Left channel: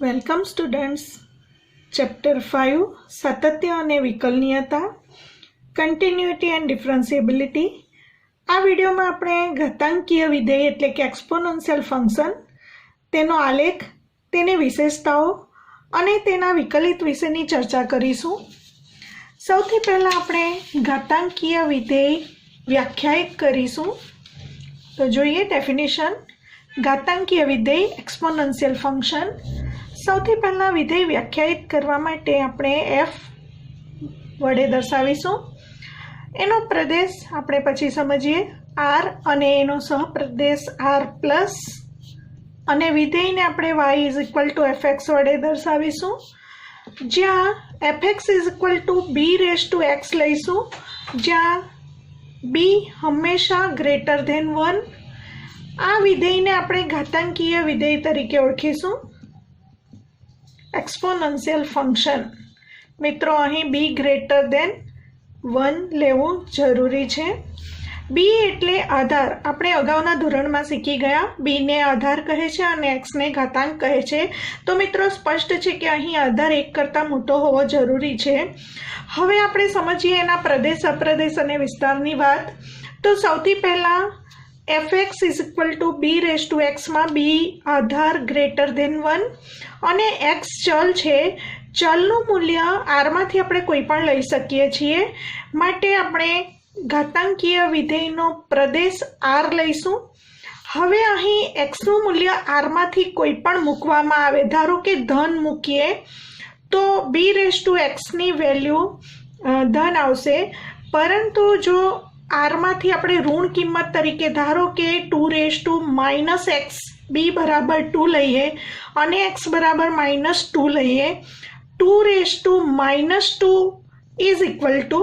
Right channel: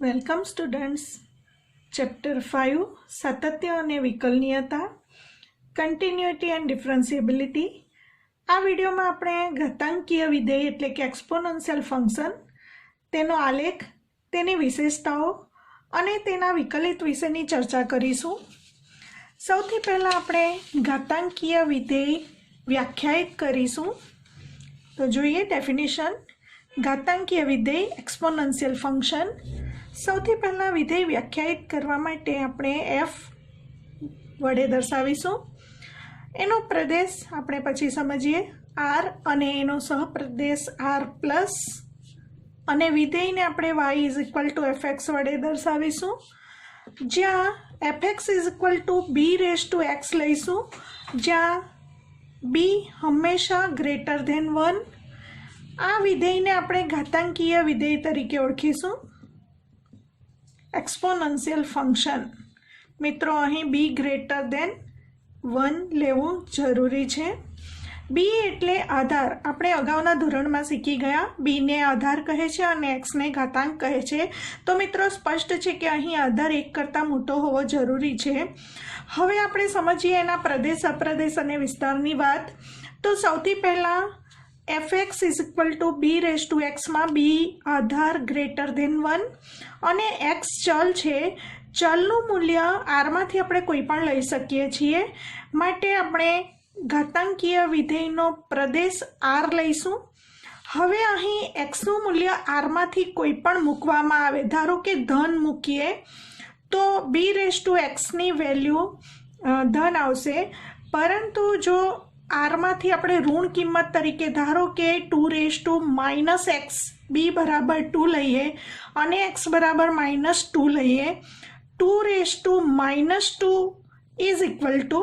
Welcome students. Chapter 5 સાતત્ય અને વિકલનીયતા, continuity and ડિફરન્સિએબિલિટી. આ વિડીયોમાં આપણે ઘાતાંકીય વિધેય એટલે કે એક્સપોનેન્શિયલ ફંક્શન, તેનો આલેખ, તેની વિશેષતાઓ અને તેના વિકલિત વિશેની ચર્ચા કરીશું. સૌથી પહેલાં આપણે ઘાતાંકીય વિધેય વ્યાખ્યાયિત કરીશું. તો જોઈએ ડેફિનેશન. ઘાતાંકીય વિધેય એક્સપોનેન્શિયલ ફંક્શન. સૌથી પહેલાં વિધેય વ્યાખ્યાયિત કરવા માટે આપણે f વડે દર્શાવીશું. એનો પ્રદેશ આપણે પછી સમજીએ r અને એનો સહપ્રદેશ r પ્લસ, અને વિધેયને આપણે y is equal to fx વડે દર્શાવીશું, જ્યાં fx is equal to b raise to x લઈશું, જ્યાં b હંમેશા ગ્રેટર ધેન 1. આ વિધેયને આપણે ઘાતાંકીય વિધેય તરીકે ઓળખીશું. Exponential function. મિત્રો, અહીં b ગ્રેટર ધેન 1 લેવું જરૂરી છે. b એટલે આધાર. આપણે અગાઉના ધોરણમાં શીખી ગયા, b ને આધાર કહે છે અને x ને ઘાતાંક કહે છે. તો મિત્રો, સ્પષ્ટ છે કે અહીં આધાર 1 કરતાં મોટો હોવો જરૂરી છે. હવે આપણે સમજીએ એના પ્રદેશ, અપ્રદેશ અને વિસ્તારની વાત. તો સૌથી પહેલાં fx is equal to b raise to એક્સમાં b આધાર ગ્રેટર ધેન 1 અને x ચલ છે. ચલનું મૂલ્ય આરમાંથી આપણે કોઈ પણ લઈ શકીએ છીએ, માટે આપણે ઘાતાંકીય વિધેયનો પ્રદેશ r લઈશું. હવે અહીં xનું મૂલ્ય આરમાંથી કોઈ પણ મૂકવામાં આવે, ધારો કે ધન મૂકીએ તો b રેઝ ટુ એક્સની વેલ્યુ ધન આવશે, પરંતુ જો આરમાંથી આપણે ઋણ કિંમત તરીકે ધારો કે 2 raise to minus x, b બરાબર 2 લઈએ અને x બરાબર -2 લઈએ, 2 raise to -2 is equal to,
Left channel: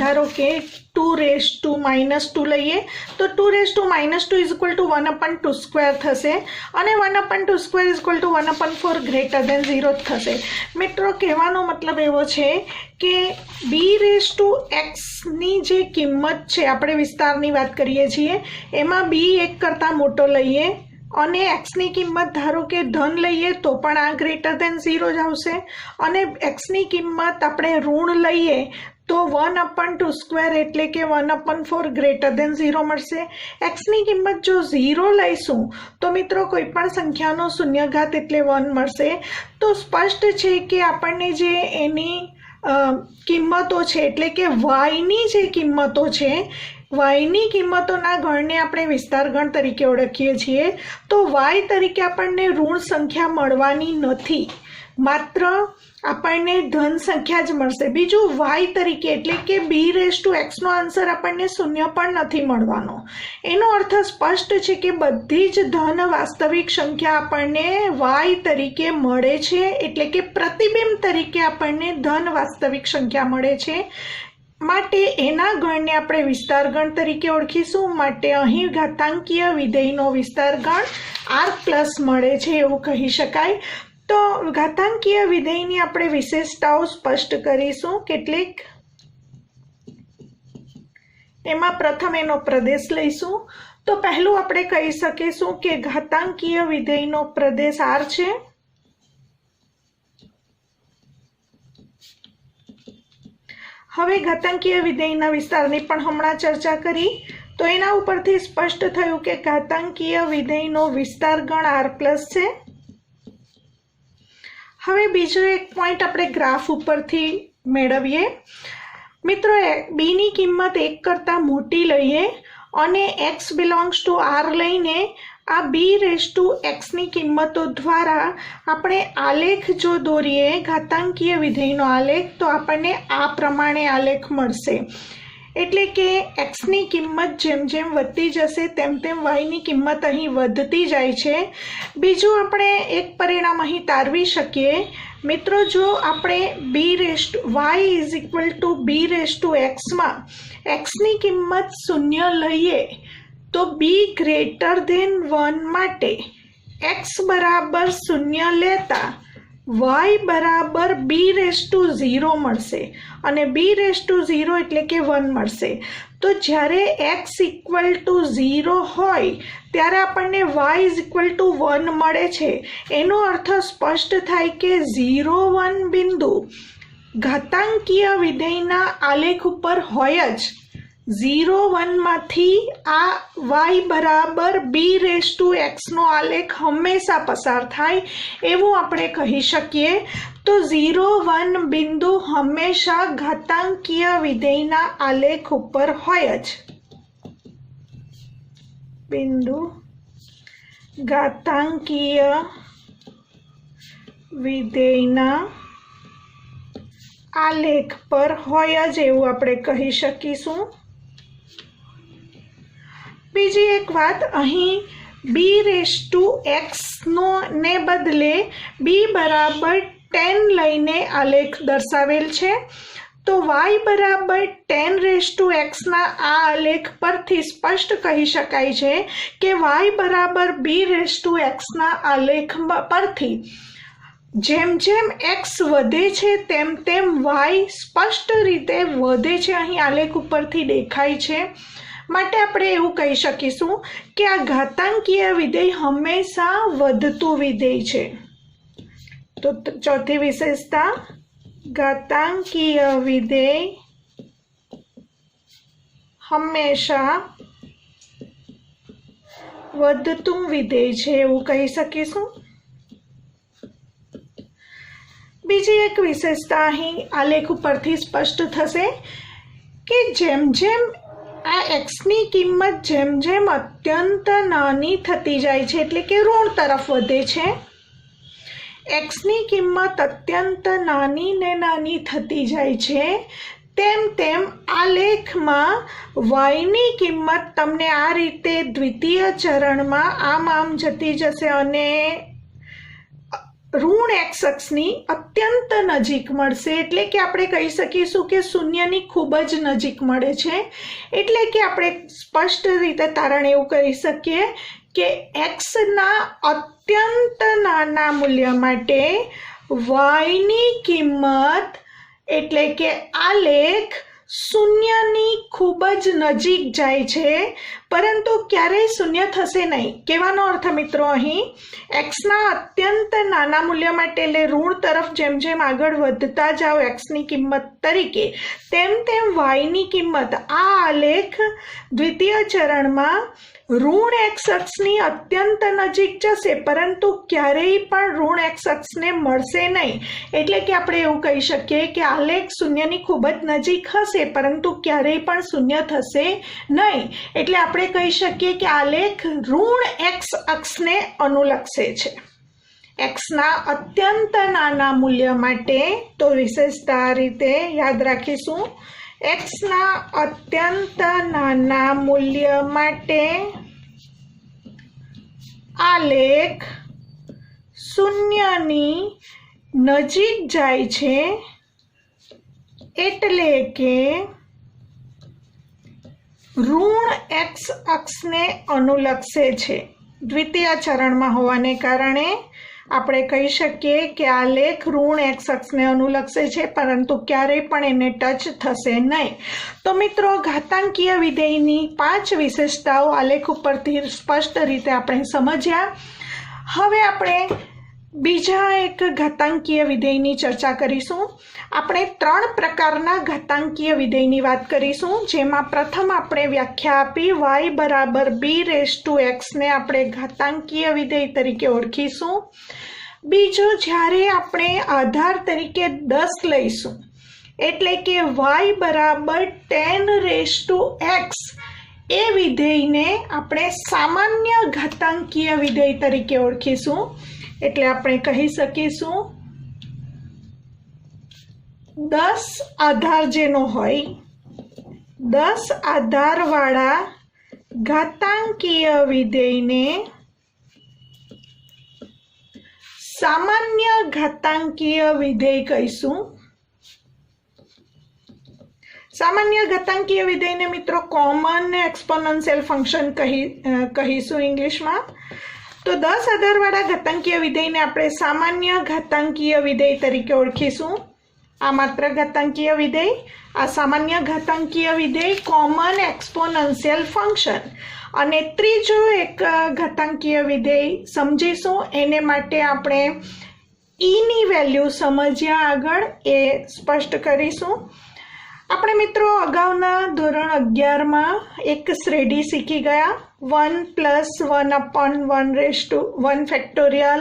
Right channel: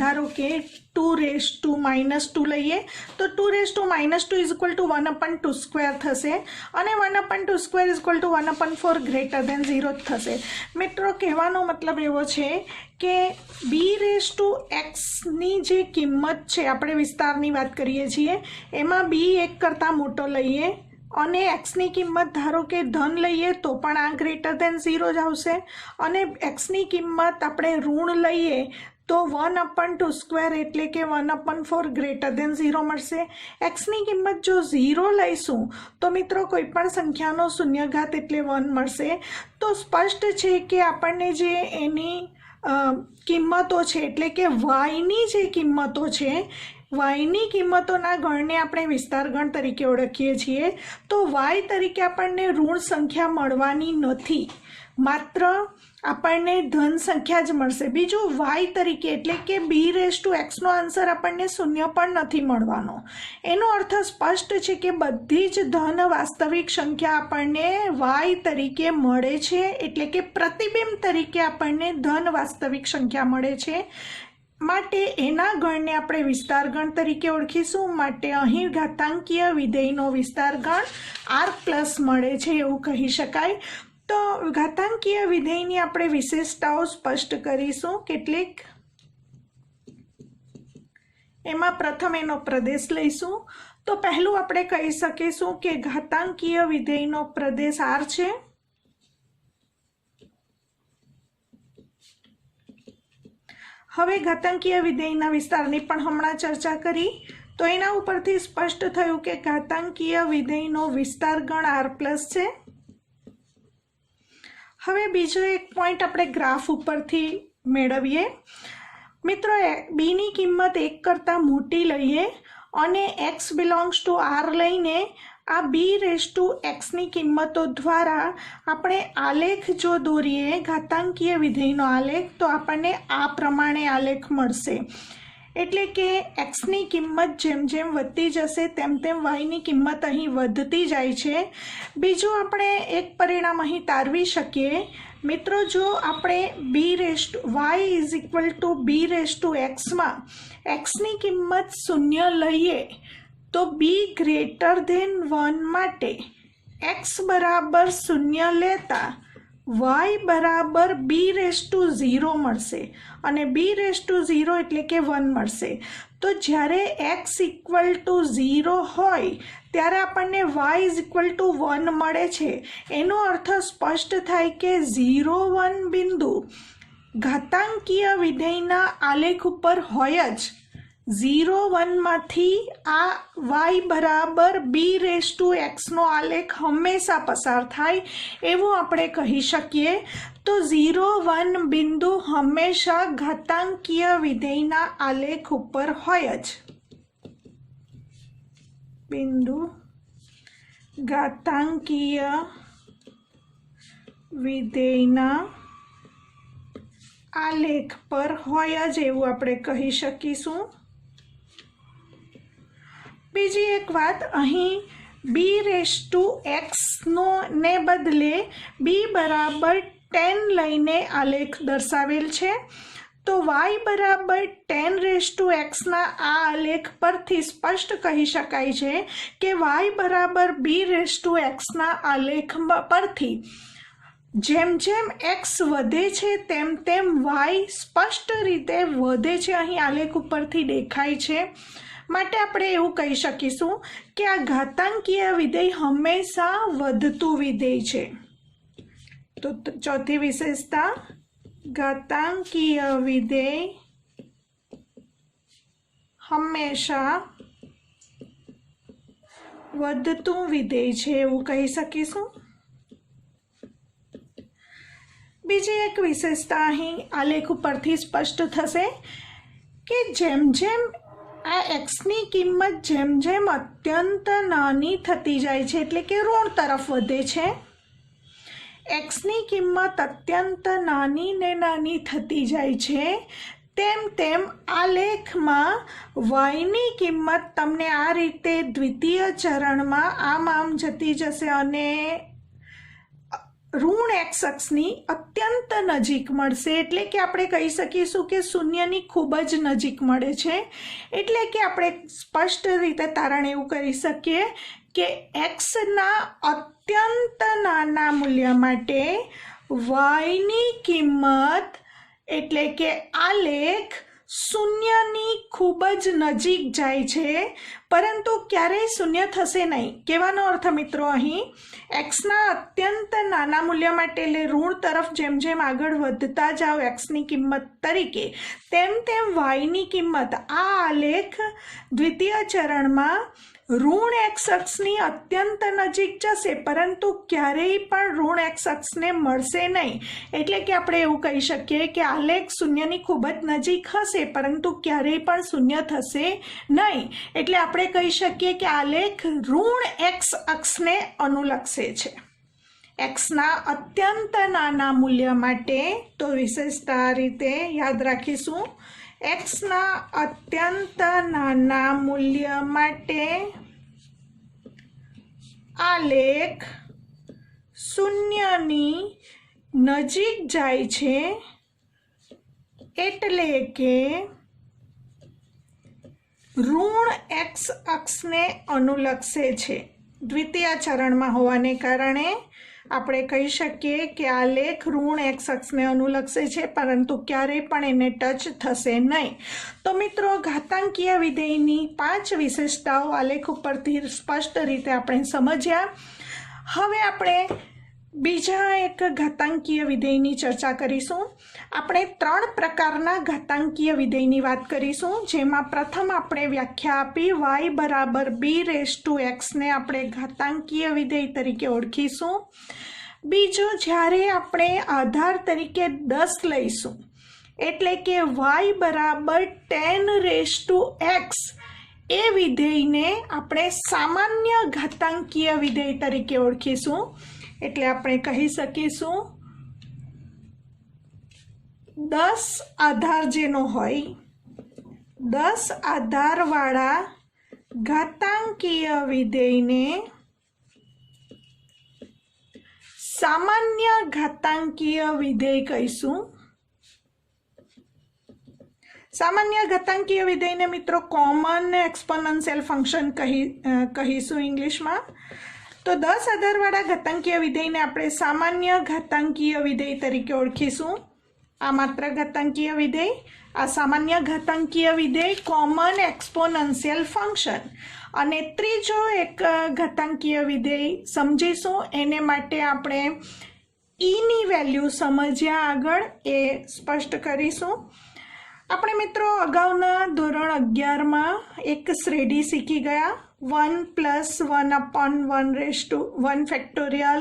ધારો કે 2 રેઝ ટુ -2 લઈએ તો 2 raise to -2 is equal to 1/2 square થશે, અને 1/2 square is equal to 1/4 greater than 0 થશે. મિત્રો, કહેવાનો મતલબ એવો છે કે b રેઝ ટુ એક્સની જે કિંમત છે, આપણે વિસ્તારની વાત કરીએ છીએ, એમાં b 1 કરતાં મોટો લઈએ અને એક્સની કિંમત ધારો કે ધન લઈએ તો પણ આ ગ્રેટર ધેન 0 જ આવશે, અને એક્સની કિંમત આપણે ઋણ લઈએ તો 1/2 સ્ક્વેર એટલે કે 1/4 ગ્રેટર ધેન 0 મળશે. એક્સની કિંમત જો 0 લઈશું તો મિત્રો કોઈ પણ સંખ્યાનો શૂન્યઘાત એટલે 1 મળશે. તો સ્પષ્ટ છે કે આપણને જે એની કિંમતો છે, એટલે કે વાયની જે કિંમતો છે, વાયની કિંમતોના ગણને આપણે વિસ્તાર ગણ તરીકે ઓળખીએ છીએ. તો વાય તરીકે આપણને ઋણ સંખ્યા મળવાની નથી, માત્ર આપણને ધન સંખ્યા જ મળશે. બીજું, વાય તરીકે એટલે કે b રેઝ ટુ એક્સનો આન્સર આપણને 0 પણ નથી મળવાનો. એનો અર્થ સ્પષ્ટ છે કે બધી જ ધન વાસ્તવિક સંખ્યા આપણને વાય તરીકે મળે છે, એટલે કે પ્રતિબિંબ તરીકે આપણને ધન વાસ્તવિક સંખ્યા મળે છે, માટે એના ગણને આપણે વિસ્તાર ગણ તરીકે ઓળખીશું. માટે અહીં ઘાતાંકીય વિધેયનો વિસ્તાર ગણ r પ્લસ મળે છે એવું કહી શકાય. તો ઘાતાંકીય વિધેયની આપણે વિશેષતાઓ સ્પષ્ટ કરીશું કેટલીક. એમાં પ્રથમ એનો પ્રદેશ લઈશું. તો પહેલું આપણે કહી શકીશું કે ઘાતાંકીય વિધેયનો પ્રદેશ r છે. હવે ઘાતાંકીય વિધેયના વિસ્તારની પણ હમણાં ચર્ચા કરી, તો એના ઉપરથી સ્પષ્ટ થયું કે ઘાતાંકીય વિધેયનો વિસ્તાર ગણ r પ્લસ છે. હવે બીજો એક પોઈન્ટ આપણે ગ્રાફ ઉપરથી મેળવીએ. મિત્રો, બીની કિંમત 1 કરતાં મોટી લઈએ અને x બિલોંગ્સ ટુ r લઈને આ b રેઝ ટુ એક્સની કિંમતો દ્વારા આપણે આલેખ જો દોરીએ, ઘાતાંકીય વિધેયનો આલેખ, તો આપણને આ પ્રમાણે આલેખ મળશે. એટલે કે એક્સની કિંમત જેમ જેમ વધતી જશે તેમ તેમ વાયની કિંમત અહીં વધતી જાય છે. બીજું, આપણે એક પરિણામ અહીં તારવી શકીએ. મિત્રો, જો આપણે Y is equal to b raise to એક્સમાં એક્સની કિંમત 0 લઈએ તો b ગ્રેટર ધેન 1 માટે x બરાબર 0 લેતા y બરાબર b રેઝ ટુ 0 મળશે, અને b રેઝ ટુ 0 એટલે કે 1 મળશે. તો જ્યારે x ઇક્વલ ટુ 0 હોય ત્યારે આપણને y = 1 મળે છે। એનો અર્થ સ્પષ્ટ થાય કે 0, 1 બિંદુ ઘાતાંકીય વિધેયના આલેખ ઉપર હોય જ। 0, 1 માંથી આ y બરાબર b⁴x નો આલેખ હંમેશા પસાર થાય એવું આપણે કહી શકીએ। તો 0, 1 બિંદુ હંમેશા ઘાતાંકીય વિધેયના આલેખ ઉપર હોય જ। બિંદુ ઘાતાંકીય વિધેયના આલેખ પર હોય જ એવું આપણે કહી શકીશું। બીજી એક વાત, અહીં b⁴x ને બદલે b બરાબર 10 લઈને આલેખ દર્શાવેલ છે। તો y બરાબર 10⁴x ના આ આલેખ પરથી સ્પષ્ટ કહી શકાય છે કે y બરાબર b⁴x ના આલેખ પરથી જેમ જેમ x વધે છે તેમ તેમ y સ્પષ્ટ રીતે વધે છે, અહીં આલેખ ઉપરથી દેખાય છે। માટે આપણે એવું કહી શકીશું કે આ ઘાતાંકીય વિધેય હંમેશા વધતું વિધેય છે। તો ચોથી વિશેષતા, ઘાતાંકીય વિધેય હંમેશા વધતું વિધેય છે એવું કહી શકીશું। બીજી એક વિશેષતા અહીં આલેખ ઉપરથી સ્પષ્ટ થશે કે જેમ જેમ આ એક્સની કિંમત જેમ જેમ અત્યંત નાની થતી જાય છે, એટલે કે ઋણ તરફ વધે છે, એક્સની કિંમત અત્યંત નાની ને નાની થતી જાય છે, તેમ તેમ આલેખમાં વાયની કિંમત તમને આ રીતે દ્વિતીય ચરણમાં આમ જતી જશે અને ઋણ x અક્ષની અત્યંત નજીક મળશે। એટલે કે આપણે કહી શકીશું કે શૂન્યની ખૂબ જ નજીક મળે છે। એટલે કે આપણે સ્પષ્ટ રીતે તારણ એવું કરી શકીએ કે xના અત્યંત નાના મૂલ્ય માટે yની કિંમત એટલે કે આલેખ શૂન્યની ખૂબ જ નજીક જાય છે, પરંતુ ક્યારેય શૂન્ય થશે નહીં। કહેવાનો અર્થ મિત્રો, અહીં એક્સના અત્યંત નાના મૂલ્ય માટે એટલે ઋણ તરફ જેમ જેમ આગળ વધતા જાઓ એક્સની કિંમત તરીકે, તેમ તેમ વાયની કિંમત આ આલેખ દ્વિતીય ચરણમાં ઋણ x અક્ષની અત્યંત નજીક જશે, પરંતુ ક્યારેય પણ ઋણ x અક્ષને મળશે નહીં। એટલે કે આપણે એવું કહી શકીએ કે આલેખ શૂન્યની ખૂબ જ નજીક હશે, પરંતુ ક્યારેય પણ શૂન્ય થશે નહીં। એટલે આપણે કહી શકીએ કે આલેખ ઋણ x અક્ષને અનુલક્ષે છે એક્સના અત્યંત નાના મૂલ્ય માટે। તો વિશેષતા આ રીતે યાદ રાખીશું, એક્સના અત્યંત નાના મૂલ્ય માટે આલેખ શૂન્યની નજીક જાય છે, એટલે કે ઋણ x અક્ષને અનુલક્ષે છે। દ્વિતીય ચરણમાં હોવાને કારણે આપણે કહી શકીએ કે આલેખ ઋણ x અક્ષને અનુલક્ષે છે, પરંતુ ક્યારેય પણ એને ટચ થશે નહીં। તો મિત્રો, ઘાતાંકીય વિધેયની 5 વિશેષતાઓ આલેખ ઉપરથી સ્પષ્ટ રીતે આપણે સમજ્યા। હવે આપણે બીજા એક ઘાતાંકીય વિધેયની ચર્ચા કરીશું। આપણે 3 પ્રકારના ઘાતાંકીય વિધેયની વાત કરીશું, જેમાં પ્રથમ આપણે વ્યાખ્યા આપી y બરાબર b⁴x ને આપણે ઘાતાંકીય વિધેય તરીકે ઓળખીશું। બીજું, જ્યારે આપણે આધાર તરીકે 10 લઈશું, એટલે કે y બરાબર 10⁻x એ વિધેયને આપણે સામાન્ય ઘાતાંકીય વિધેય તરીકે ઓળખીશું। એટલે આપણે કહી શકીશું 10 આધાર જેનો હોય, 10 આધારવાળા ઘાતાંકીય વિધેયને સામાન્ય ઘાતાંકીય વિધેય કહીશું। સામાન્ય ઘાતાંકીય વિધેયને મિત્રો કોમન એક્સપોનેન્શિયલ ફંક્શન કહીશું ઇંગ્લિશમાં। તો 10 આધારવાળા ઘાતાંકીય વિધેયને આપણે સામાન્ય ઘાતાંકીય વિધેય તરીકે ઓળખીશું। આ માત્ર ઘાતાંકીય વિધેય, આ સામાન્ય ઘાતાંકીય વિધેય કોમન એક્સપોનેન્શિયલ ફંક્શન। અને ત્રીજો એક ઘાતાંકીય વિધેય સમજીશું. એને માટે આપણે ઈની વેલ્યુ સમજ્યા આગળ એ સ્પષ્ટ કરીશું. આપણે મિત્રો અગાઉના ધોરણ 11માં એક શ્રેઢી શીખી ગયા. 1 + 1/1 factorial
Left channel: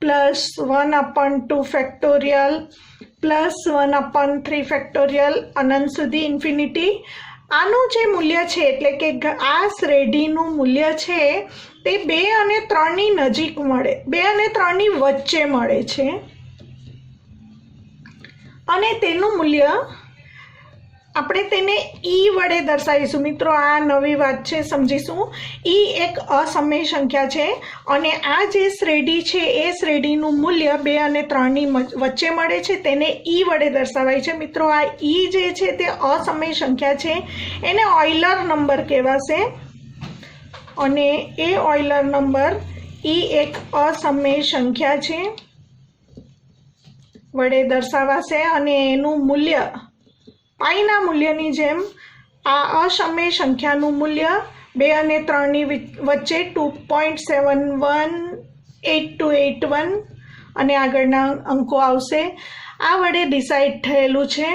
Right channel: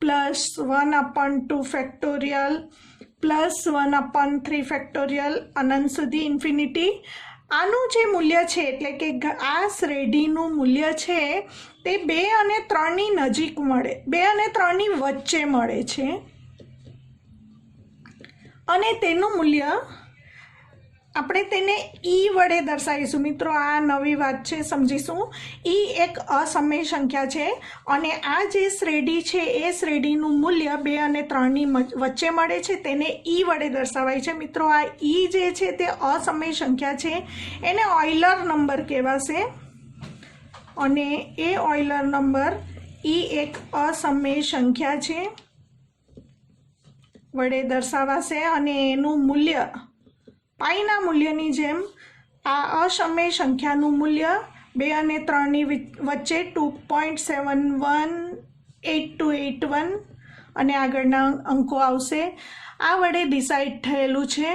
plus 1/2 factorial plus 1/3 factorial અનંત સુધી ઇન્ફિનિટી. આનું જે મૂલ્ય છે એટલે કે આ શ્રેઢીનું મૂલ્ય છે તે 2 અને 3ની નજીક મળે, 2 અને 3ની વચ્ચે મળે છે અને તેનું મૂલ્ય આપણે તેને ઈ વડે દર્શાવીશું. મિત્રો આ નવી વાત છે, સમજીશું. ઈ એક અસમય સંખ્યા છે અને આ જે શ્રેઢી છે એ શ્રેઢીનું મૂલ્ય 2 અને 3ની વચ્ચે મળે છે, તેને ઈ વડે દર્શાવાય છે. મિત્રો આ ઈ જે છે તે અસમય સંખ્યા છે, એને ઓઇલર નંબર કહેવાશે અને એ ઓઇલર નંબર ઈ એક અસમય સંખ્યા છે વડે દર્શાવાશે અને એનું મૂલ્ય પાઈના મૂલ્યની જેમ આ અસમય સંખ્યાનું મૂલ્ય 2 અને 3ની વચ્ચે 2.718281 અને આગળના અંકો આવશે. આ વડે ડિસાઇડ થયેલું છે,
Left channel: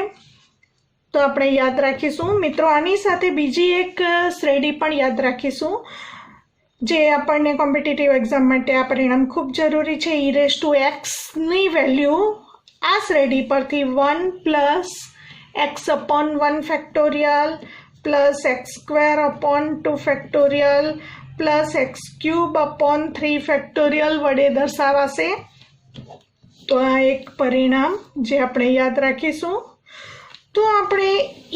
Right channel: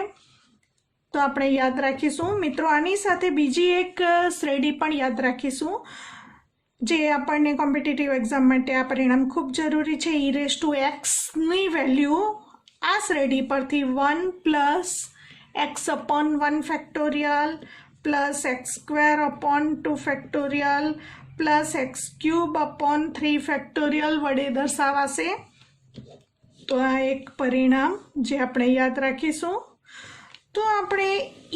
તો આપણે યાદ રાખીશું. મિત્રો આની સાથે બીજી એક શ્રેઢી પણ યાદ રાખીશું જે આપણને કોમ્પિટિટિવ એક્ઝામ માટે આ પરિણામ ખૂબ જરૂરી છે. e⁻x ની વેલ્યુ આ શ્રેઢી પરથી 1 + x/1 factorial plus x²/2 factorial plus x³/3 factorial વડે દર્શાવાશે. તો આ એક પરિણામ જે આપણે યાદ રાખીશું. તો આપણે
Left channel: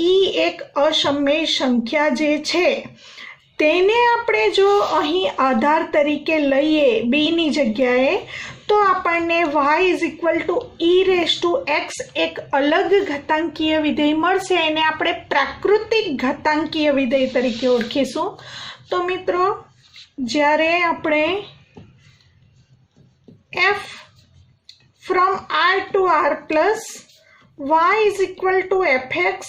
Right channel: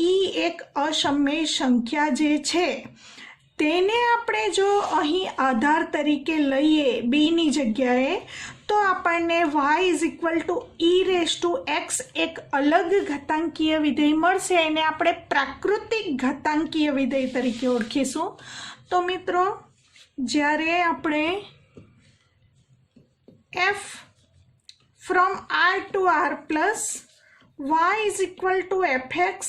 ઈ એક અસમય સંખ્યા જે છે તેને આપણે જો અહીં આધાર તરીકે લઈએ બીની જગ્યાએ, તો આપણને y=e⁻x એક અલગ ઘાતાંકીય વિધેય મળશે. એને આપણે પ્રાકૃતિક ઘાતાંકીય વિધેય તરીકે ઓળખીશું. તો મિત્રો જ્યારે આપણે f(r to r) પ્લસ y=fx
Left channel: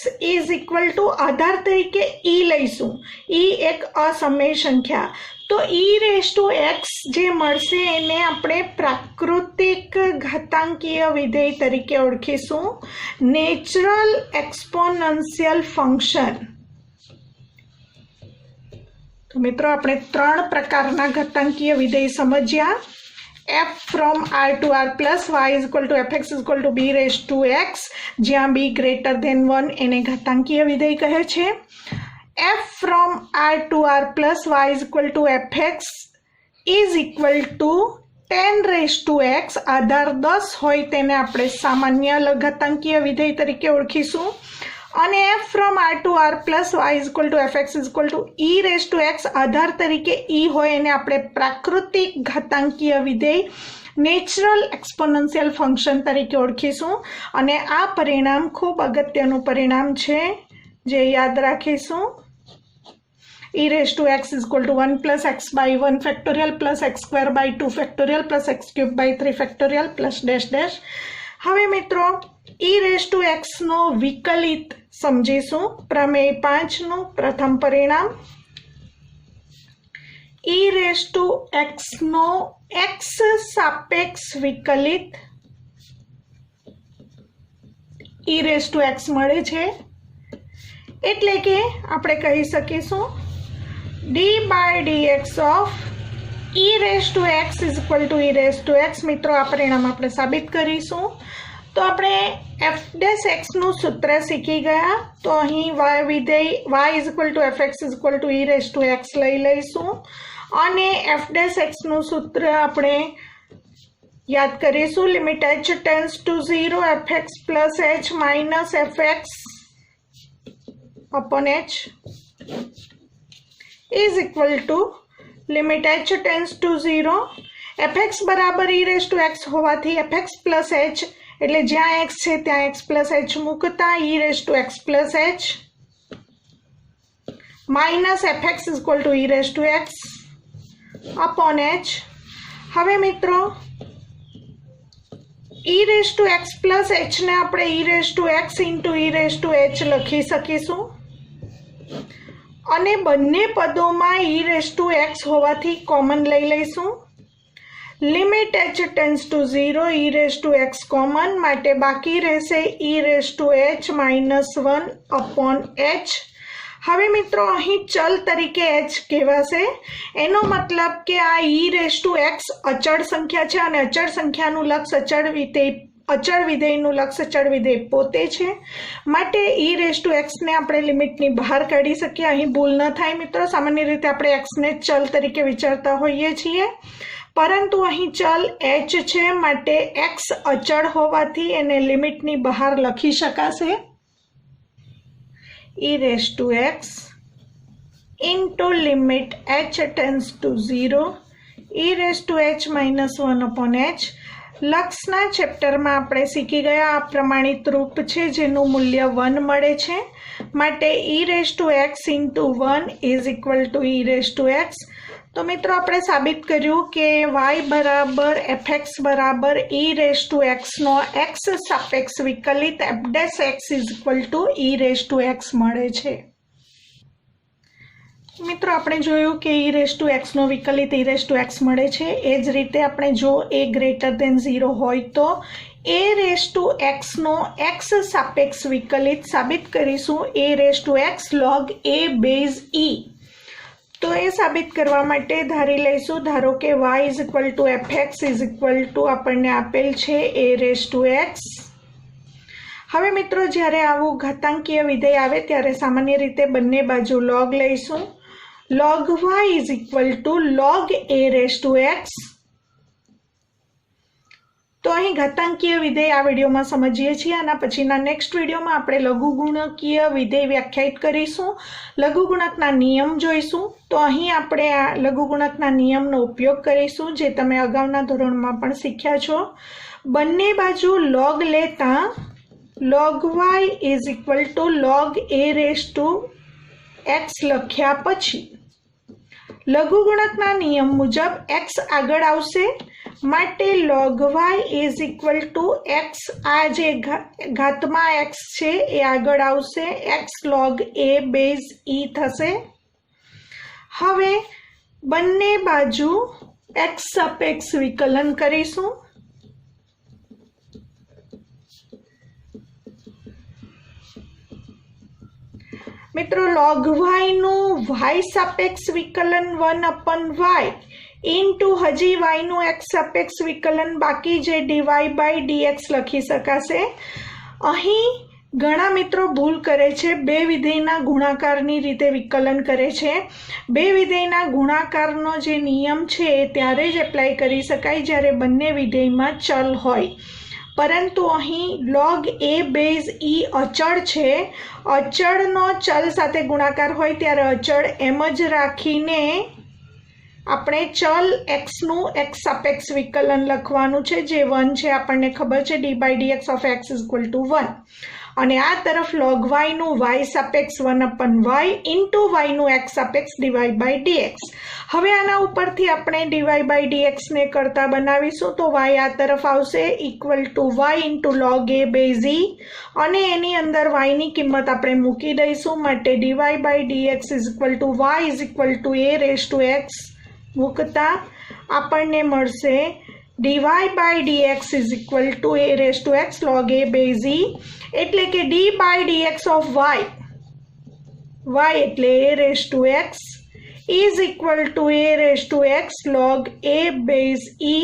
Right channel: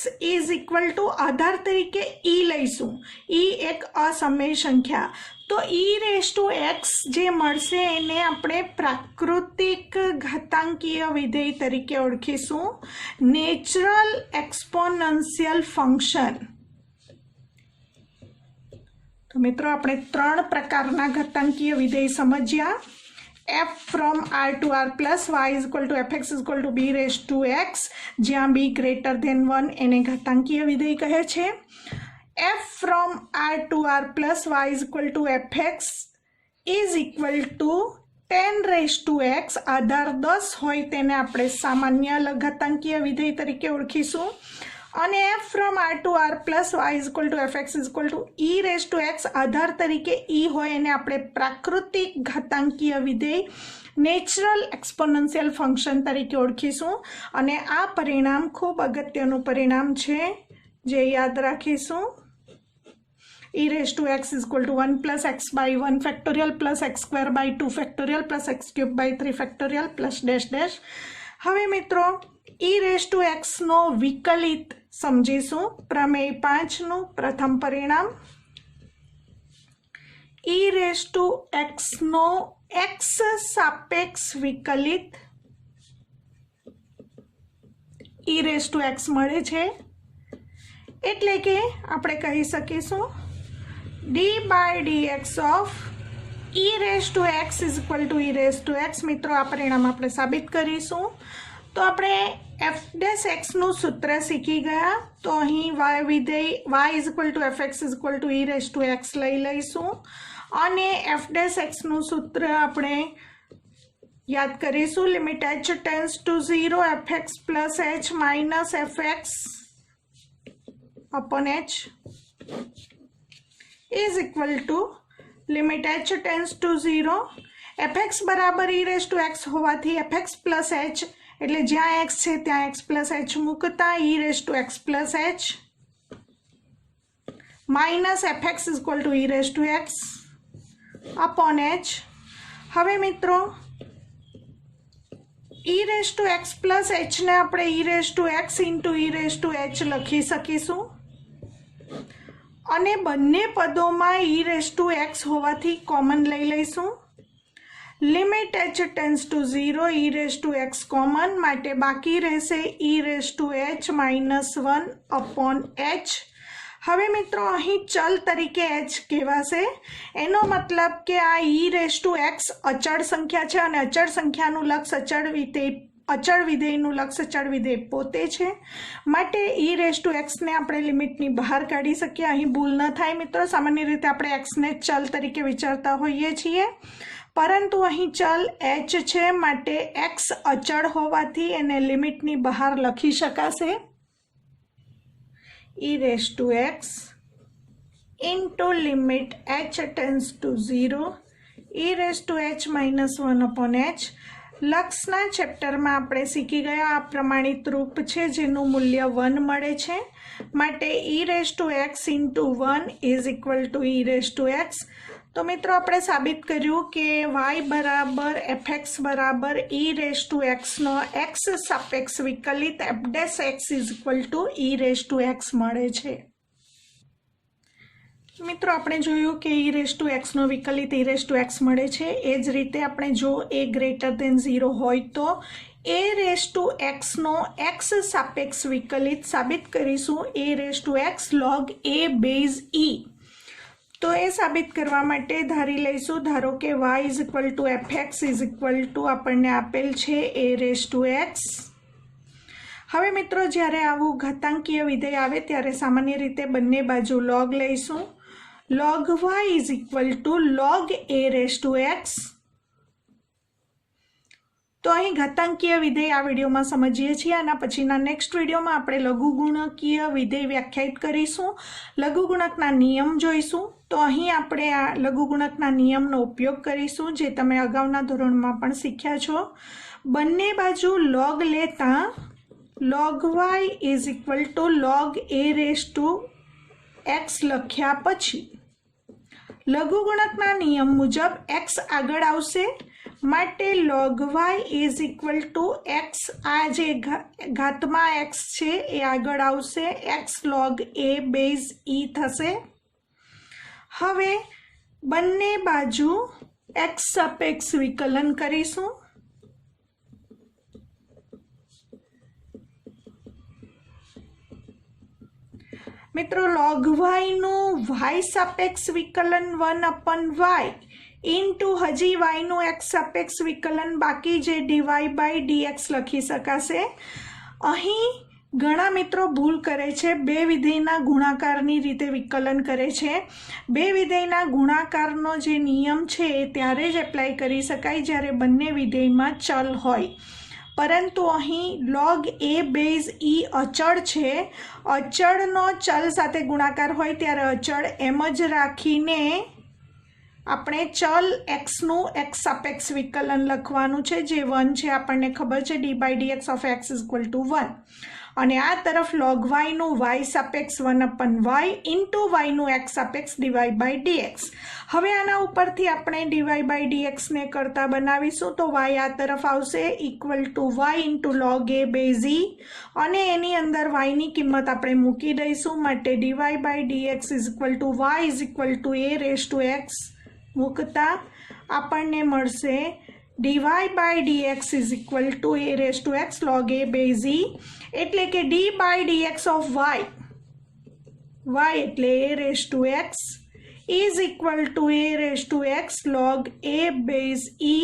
આધાર તરીકે e લઈશું, e એક અસમય સંખ્યા, તો e⁻x જે મળશે એને આપણે પ્રાકૃતિક ઘાતાંકીય વિધેય તરીકે ઓળખીશું. Natural exponential function. તો મિત્રો આપણે 3 પ્રકારના ઘાતાંકીય વિધેય સમજ્યા. f(r to r) પ્લસ y=fx b⁻x, જ્યાં b > 1 એને ઘાતાંકીય વિધેય કહે છે. f(r to r) પ્લસ y=fx 10⁻x, આધાર 10 હોય તેને આપણે સામાન્ય ઘાતાંકીય વિધેય તરીકે ઓળખીશું. અને f(r to r) પ્લસ y=fx e⁻x આધાર તરીકે e હોય એને આપણે પ્રાકૃતિક ઘાતાંકીય વિધેય નેચરલ એક્સપોનેન્શિયલ ફંક્શન તરીકે ઓળખીશું. અને આ પરિણામ ખૂબ અગત્યનું પરિણામ છે જે યાદ રાખીશું. e⁻x 1 + x/1 factorial plus x²/2 factorial plus x³/3 factorial plus dash dash. હવે મિત્રો e⁻x નો વિકલિત સમજીશું. પ્રમેય 5નું પ્રથમ પરિણામ. e⁻x નો x સાપેક્ષ વિકલિત e⁻x મળે છે, એટલે કે આપણે કહી શકીશું d/dx ઓફ e⁻x e⁻x. મિત્રો આ પરિણામ આપણે સાબિત કરીશું. તો આપણે f' નું સૂત્ર શીખી ગયા. તો અહીં y=fx e⁻x લઈ લઈશું અને f' નું સૂત્ર આપણે યાદ કરીશું. Limit h tends to 0 fx plus h minus fx upon h is equal to limit h tends to 0 fx બરાબર e⁻x હોવાથી fx પ્લસ h એટલે જ્યાં x છે ત્યાં x પ્લસ h મૂકતા e⁻x plus h minus fx e⁻x upon h. હવે મિત્રો e⁻x plus h ને આપણે e⁻x ઇન્ટુ e⁻h લખી શકીશું અને બંને પદોમાં e⁻x હોવાથી કોમન લઈ લઈશું. Limit h tense two 0 e⁻x common, માટે બાકી રહેશે e⁻h-1 અપોન h. હવે મિત્રો અહીં ચલ તરીકે h કહેવાશે. એનો મતલબ કે આ e⁻x અચળ સંખ્યા છે અને અચળ સંખ્યાનું લક્ષ અચળ વિધેયનું લક્ષ અચળ વિધેય પોતે છે. માટે e⁻x ને આપણે લિમિટની બહાર કાઢી શકીએ. અહીં ભૂલ ન થાય મિત્રો, સામાન્ય રીતે આપણે x ને ચલ તરીકે વિચારતા હોઈએ છીએ, પરંતુ અહીં ચલ h છે, માટે x અચળ હોવાથી એને લિમિટની બહાર લખી શકાશે. e⁻x into limit h tends to 0 e⁻h-1 upon h. લક્ષના ચેપ્ટરમાં આપણે શીખી ગયા આ પ્રમાણિત રૂપ છે જેનું મૂલ્ય 1 મળે છે. માટે e⁻x into 1 is equal to e⁻x. તો મિત્રો આપણે સાબિત કર્યું કે y બરાબર fx બરાબર e⁻x નો x સાપેક્ષ વિકલિત f' is equal to e⁻x મળે છે. મિત્રો આપણે જોયું કે e⁻x નો વિકલિત e⁻x મળે છે. એ જ રીતે આપણે જો a ગ્રેટર દેન 0 હોય તો a⁻x નો x સાપેક્ષ વિકલિત સાબિત કરીશું a⁻x log a base e. તો એ સાબિત કરવા માટે ધારી લઈશું, ધારો કે y is equal to fx is equal two આપણને આપેલ છે a⁻x. હવે મિત્રો જ્યારે આવું ઘાતાંકીય વિધેય આવે ત્યારે સામાન્ય રીતે બંને બાજુ log લઈશું. log y is equal to log a⁻x. તો અહીં ઘાતાંકીય વિધેય આ વિડીયોમાં સમજીએ છીએ. આના પછીના નેક્સ્ટ વિડીયોમાં આપણે લઘુગુણકીય વિધેય વ્યાખ્યાયિત કરીશું, લઘુગુણકના નિયમ જોઈશું. તો અહીં આપણે આ લઘુગુણકના નિયમનો ઉપયોગ કરીશું જે તમે અગાઉના ધોરણમાં પણ શીખ્યા છો. બંને બાજુ log લેતા log y is equal to log a⁻x લખ્યા પછી લઘુગુણકના નિયમ મુજબ x આગળ આવશે, માટે log y is equal to x, આ જે ઘાતમાં x છે એ આગળ આવશે, x log a base e થશે. હવે બંને બાજુ x સાપેક્ષ વિકલન કરીશું. મિત્રો log y નું y સાપેક્ષ વિકલન 1 upon y ઇન્ટુ હજી y નું x સાપેક્ષ વિકલન બાકી જે dy by dx લખી શકાશે. અહીં ઘણા મિત્રો ભૂલ કરે છે, બે વિધેયના ગુણાકારની રીતે વિકલન કરે છે. બે વિધેયના ગુણાકારનો જે નિયમ છે એ ત્યારે જ એપ્લાય કરી શકાય જ્યારે બંને વિધેયમાં ચલ હોય, પરંતુ અહીં log a બેઝ e અચળ છે. અચળનો ચલ સાથે ગુણાકાર હોય ત્યારે અચળ એમ જ રાખીને આપણે ચલ xનું x સાપેક્ષ વિકલન લખવાનું છે જે 1 છે. આપણને ખબર છે d by dx of x is equal to 1. અને આ તરફ log y નું y સાપેક્ષ 1 upon y ઇન્ટુ y નું x સાપેક્ષ dy by dx. હવે આના ઉપરથી આપણે dy by dx ને કરતા બનાવીશું તો y આ તરફ આવશે equal to y into log a base e, અને એની અંદર y ની કિંમત આપણે મૂકી દઈશું, માટે dy by dx is equal two y is equal two a⁻x મૂકતા આપણને મળશે dy by dx is equal two a⁻x log a base e, એટલે કે d by dx of y એટલે a⁻x is equal to a⁻x log a base e.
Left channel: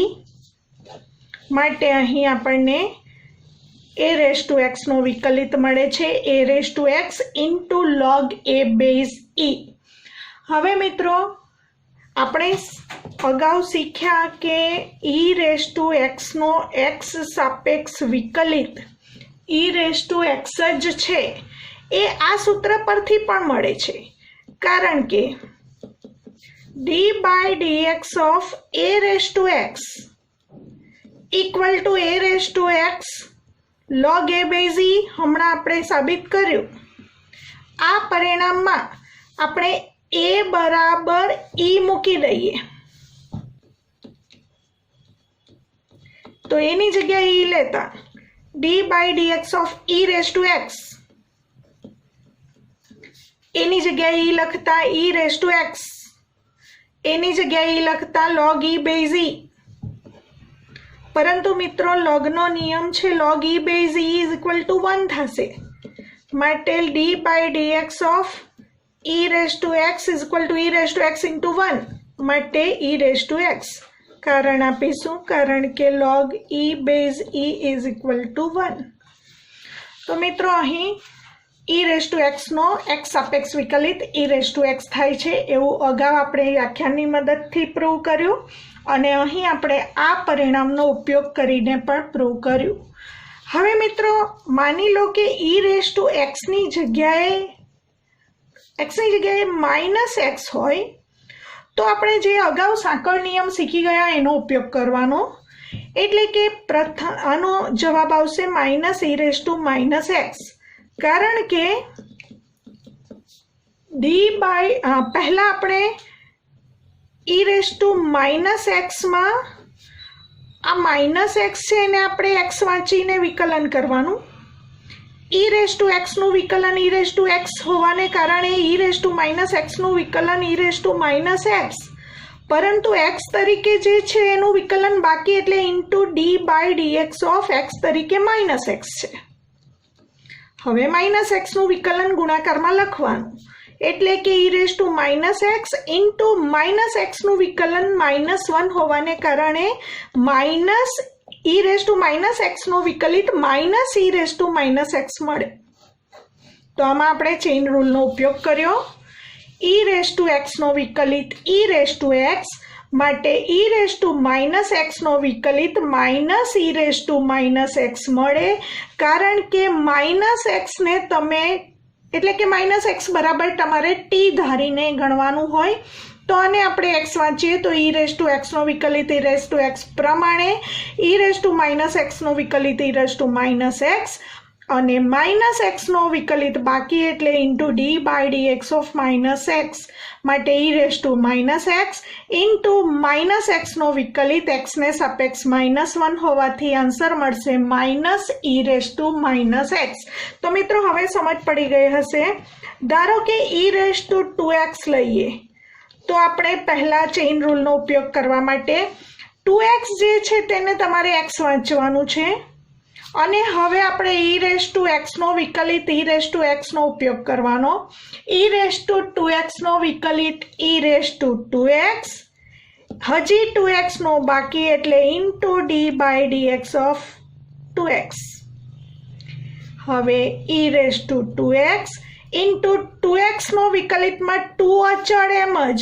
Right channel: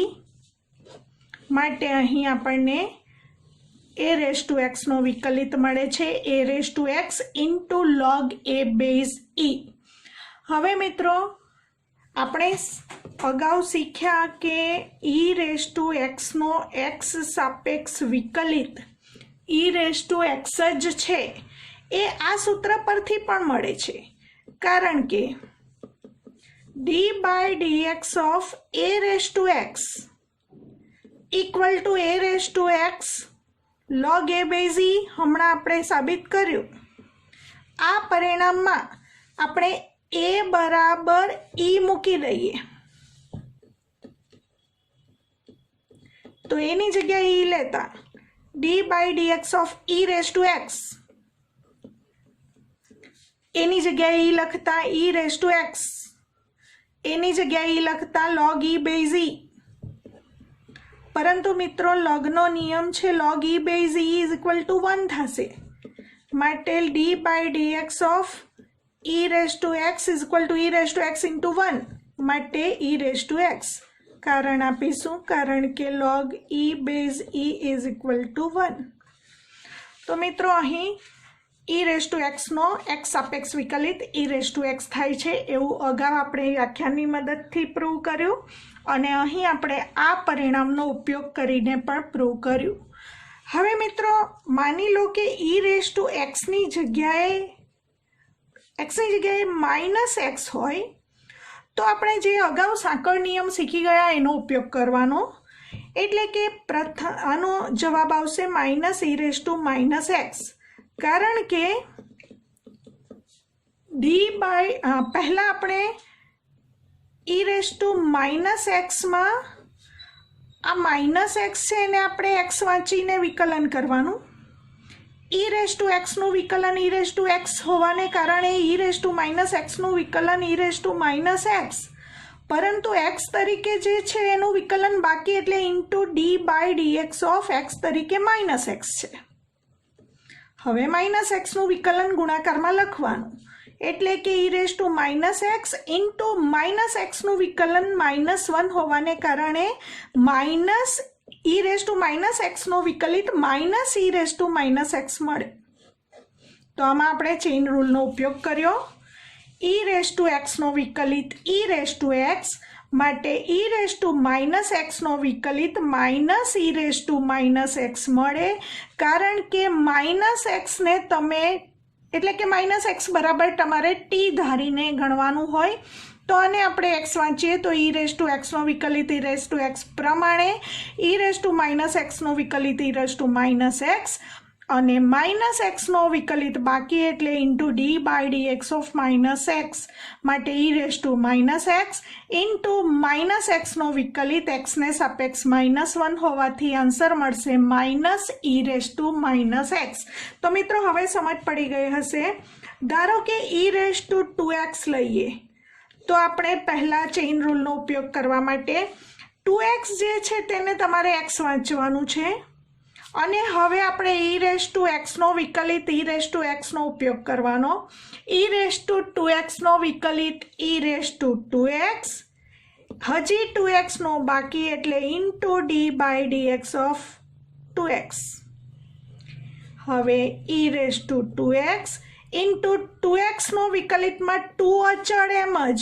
માટે અહીં આપણને a⁻x નો વિકલિત મળે છે a⁻x into log a base e. હવે મિત્રો આપણે અગાઉ શીખ્યા કે e⁻x નો x સાપેક્ષ વિકલિત e⁻x જ છે એ આ સૂત્ર પરથી પણ મળે છે, કારણ કે d by dx of a⁻x equal to a⁻x log a base e હમણાં આપણે સાબિત કર્યું. આ પરિણામમાં આપણે a બરાબર e મૂકી દઈએ તો એની જગ્યાએ e લેતા d by dx of e⁻x એની જગ્યાએ ઈ લખતા ઈ રેઝ ટુ એક્સ, એની જગ્યાએ ઈ લખતા log e બેઝ ઈ. પરંતુ મિત્રો લોગનો નિયમ છે log e base e is equal to 1 થશે. માટે d by dx of e raise to x is equal to e raise to x into 1. માટે e રેઝ ટુ એક્સ. કારણ આપીશું કારણ કે log e base e is equal to 1. તો મિત્રો અહીં e રેઝ ટુ એક્સનો એક્સ સાપેક્ષ વિકલિત e રેઝ ટુ એક્સ થાય છે એવું અગાઉ આપણે વ્યાખ્યાનની મદદથી પ્રૂવ કર્યું અને અહીં આપણે આ પરિણામનો ઉપયોગ કરીને પણ પ્રૂવ કર્યું. હવે મિત્રો માની લો કે e રેઝ ટુ એક્સની જગ્યાએ માઇનસ એક્સ હોય તો આપણે જે અગાઉ સાંકળ નિયમ શીખી ગયા એનો ઉપયોગ કરવાનો. એટલે કે પ્રથમ આનો જવાબ આવશે minus e raise to minus x. કારણ કે પહેલા આપણે e રેઝ ટુ માઇનસ એક્સમાં આ માઇનસ એક્સ છે એને આપણે એક્સ વાંચીને વિકલન કરવાનું. e રેઝ ટુ એક્સનું વિકલન e રેઝ ટુ એક્સ હોવાને કારણે e રેઝ ટુ માઇનસ એક્સનું વિકલન e raise to minus x. પરંતુ એક્સ તરીકે જે છે એનું વિકલન બાકી એટલે into D by dx of x તરીકે માઇનસ એક્સ છે. હવે માઇનસ એક્સનું વિકલન ગુણાકારમાં લખવાનું. એટલે કે e raise to minus X into minus એક્સનું વિકલન -1 હોવાને કારણે minus e raise to minus એક્સનો વિકલિત minus e raise to minus x મળે. તો આમાં આપણે ચેઇન રૂલનો ઉપયોગ કર્યો. e રેઝ ટુ એક્સનો વિકલિત e રેઝ ટુ એક્સ માટે e રેઝ ટુ માઇનસ એક્સનો વિકલિત minus e raise to minus x મળે. કારણ કે માઇનસ એક્સને તમે એટલે કે માઇનસ એક્સ બરાબર તમારે t ધારીને ગણવાનું હોય. તો આને આપણે એક્સ વાંચીએ તો e રેઝ ટુ એક્સનો વિકલિત e રેઝ ટુ એક્સ પ્રમાણે e રેઝ ટુ માઇનસ એક્સનો વિકલિત e raise to minus X અને માઇનસ એક્સનો વિકલિત બાકી એટલે into D by dx of minus X. માટે e raise to minus X into minus એક્સનો વિકલિત એક્સને સાપેક્ષ -1 હોવાથી આન્સર મળશે minus e raise to minus X. તો મિત્રો હવે સમજ પડી ગઈ હશે. ધારો કે e રેઝ ટુ 2x લઈએ તો આપણે પહેલા ચેઇન રૂલનો ઉપયોગ કરવા માટે 2x જે છે તેને તમારે x વાંચવાનું છે અને હવે આપણે e રેઝ ટુ એક્સનો વિકલિત e રેઝ ટુ એક્સનો ઉપયોગ કરવાનો. e રેઝ ટુ 2xનો વિકલિત e રેઝ ટુ 2x હજી 2xનો બાકી એટલે into D by dx of 2x. હવે e raise to 2x into 2xનો વિકલિતમાં 2 અચળ એમ જ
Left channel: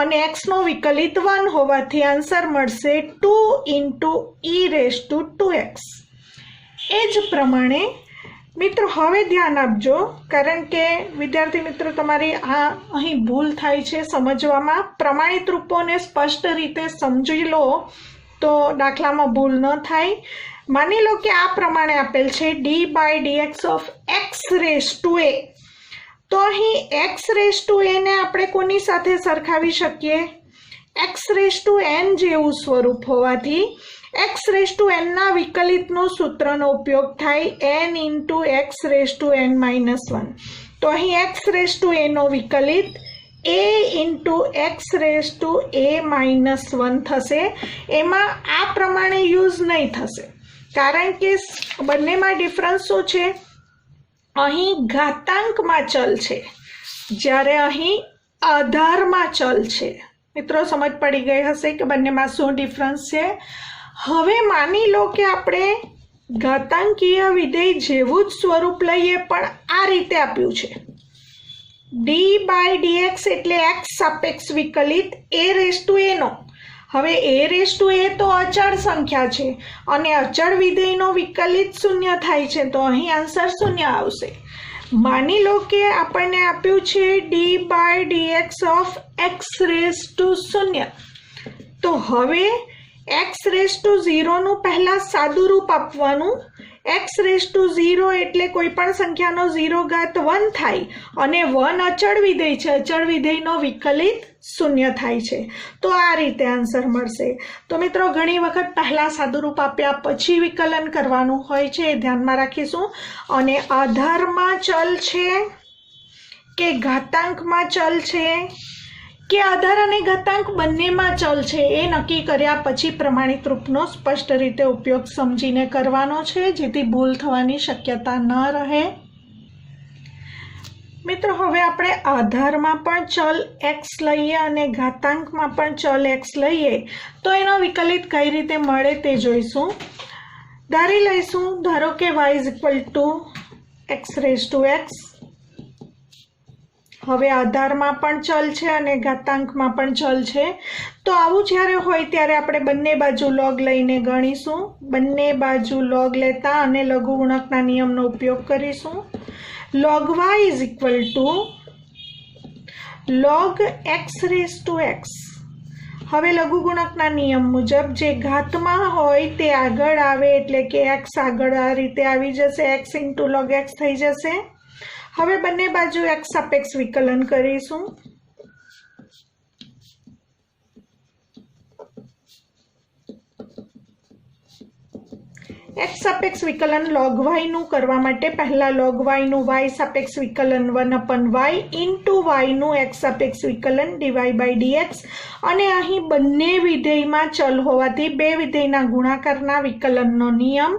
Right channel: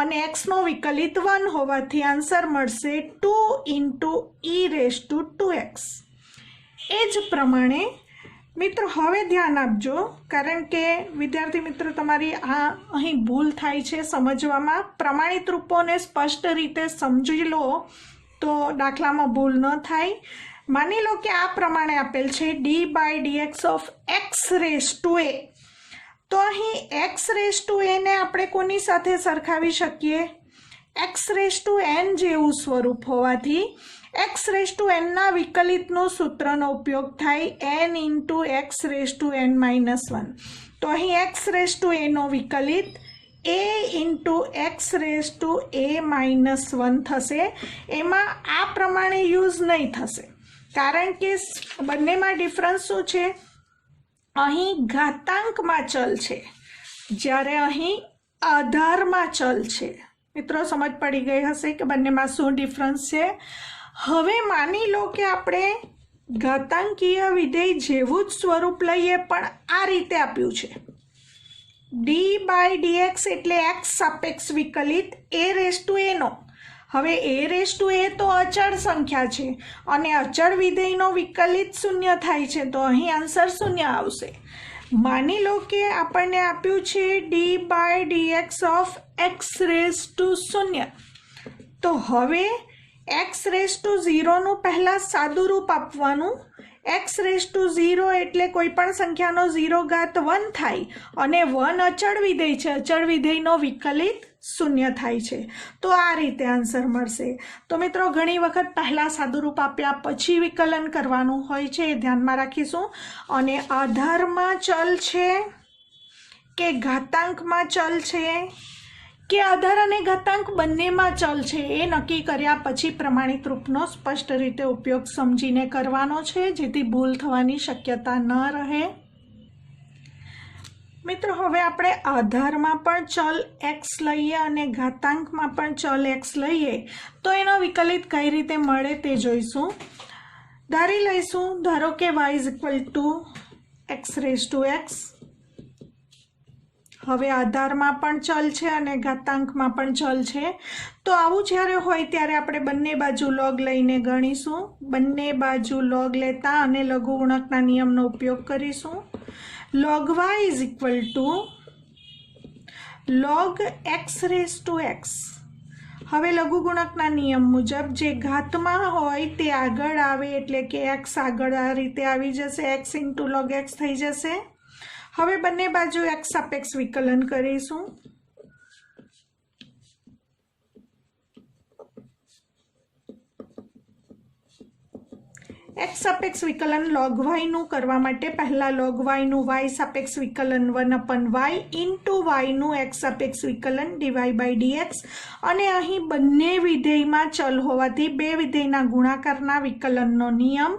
અને એક્સનો વિકલિત 1 હોવાથી આન્સર મળશે 2 into e raise to 2x. એ જ પ્રમાણે મિત્રો હવે ધ્યાન આપજો કારણ કે વિદ્યાર્થી મિત્રો તમારી અહીં ભૂલ થાય છે સમજવામાં. પ્રમાણિત રૂપોને સ્પષ્ટ રીતે સમજી લો તો દાખલામાં ભૂલ ન થાય. માની લો કે આ પ્રમાણે આપેલ છે D by dx of x raise to A. તો અહીં એક્સ રેઝ ટુ એને આપણે કોની સાથે સરખાવી શકીએ? એક્સ રેઝ ટુ એન જેવું સ્વરૂપ હોવાથી એક્સ રેઝ ટુ એનના વિકલિતનું સૂત્રનો ઉપયોગ થાય n into x raise to n -1. તો અહીં એક્સ રેઝ ટુ એનો વિકલિત a into x raise to a -1 થશે. એમાં આ પ્રમાણે યુઝ નહીં થશે કારણ કે બંનેમાં ડિફરન્સ શું છે? અહીં ઘાતાંકમાં ચલ છે જ્યારે અહીં આધારમાં ચલ છે. મિત્રો સમજ પડી ગઈ હશે કે બંનેમાં શું ડિફરન્સ છે. હવે માની લો કે આપણે ઘાતાંકીય વિધેય જેવું જ સ્વરૂપ લઈએ પણ આ રીતે આપ્યું છે ડી બાય ડીએક્સ એટલે એક્સ સાપેક્ષ વિકલિત એ રેઝ ટુ એનો. હવે એ રેઝ ટુ એ તો અચળ સંખ્યા છે અને અચળ વિધેયનો વિકલિત 0 થાય છે તો અહીં આન્સર 0 આવશે. માની લો કે આપણને આપ્યું છે D by dx of x raise to 0. તો હવે એક્સ રેઝ ટુ 0નું પહેલાં સાદું રૂપ આપવાનું. એક્સ રેઝ ટુ 0 એટલે કોઈ પણ સંખ્યાનો 0 ઘાત 1 થાય અને 1 અચળ વિધેય છે. અચળ વિધેયનો વિકલિત 0 થાય છે તો આ રીતે આન્સર મળશે. તો મિત્રો ઘણી વખત પહેલાં સાદું રૂપ આપ્યા પછી વિકલન કરવાનું હોય છે એ ધ્યાનમાં રાખીશું. અને આધારમાં ચલ છે કે ઘાતાંકમાં ચલ છે કે આધાર અને ઘાતાંક બંનેમાં ચલ છે એ નક્કી કર્યા પછી પ્રમાણિત રૂપનો સ્પષ્ટ રીતે ઉપયોગ સમજીને કરવાનો છે, જેથી ભૂલ થવાની શક્યતા ન રહે. મિત્રો, હવે આપણે આધારમાં પણ ચલ x લઈએ અને ઘાતાંકમાં પણ ચલ x લઈએ તો એનો વિકલિત કઈ રીતે મળે તે જોઈશું. ધારી લઈશું, ધારો કે y = x⁴x. હવે આધારમાં પણ ચલ છે અને ઘાતાંકમાં પણ ચલ છે, તો આવું જ્યારે હોય ત્યારે આપણે બંને બાજુ log લઈને ગણીશું. બંને બાજુ log લેતા અને લઘુગુણકના નિયમનો ઉપયોગ કરીશું. log y = log x⁴x. હવે લઘુગુણકના નિયમ મુજબ જે ઘાતમાં હોય તે આગળ આવે, એટલે કે x આગળ આ રીતે આવી જશે, x × log x થઈ જશે. હવે બંને બાજુ x સાપેક્ષ વિકલન કરીશું. x સાપેક્ષ વિકલન log y નું કરવા માટે પહેલા log y નું y સાપેક્ષ વિકલન 1/y * y નું x સાપેક્ષ વિકલન dy/dx. અને અહીં બંને વિધેયમાં ચલ હોવાથી બે વિધેયના ગુણાકારના વિકલનનો નિયમ.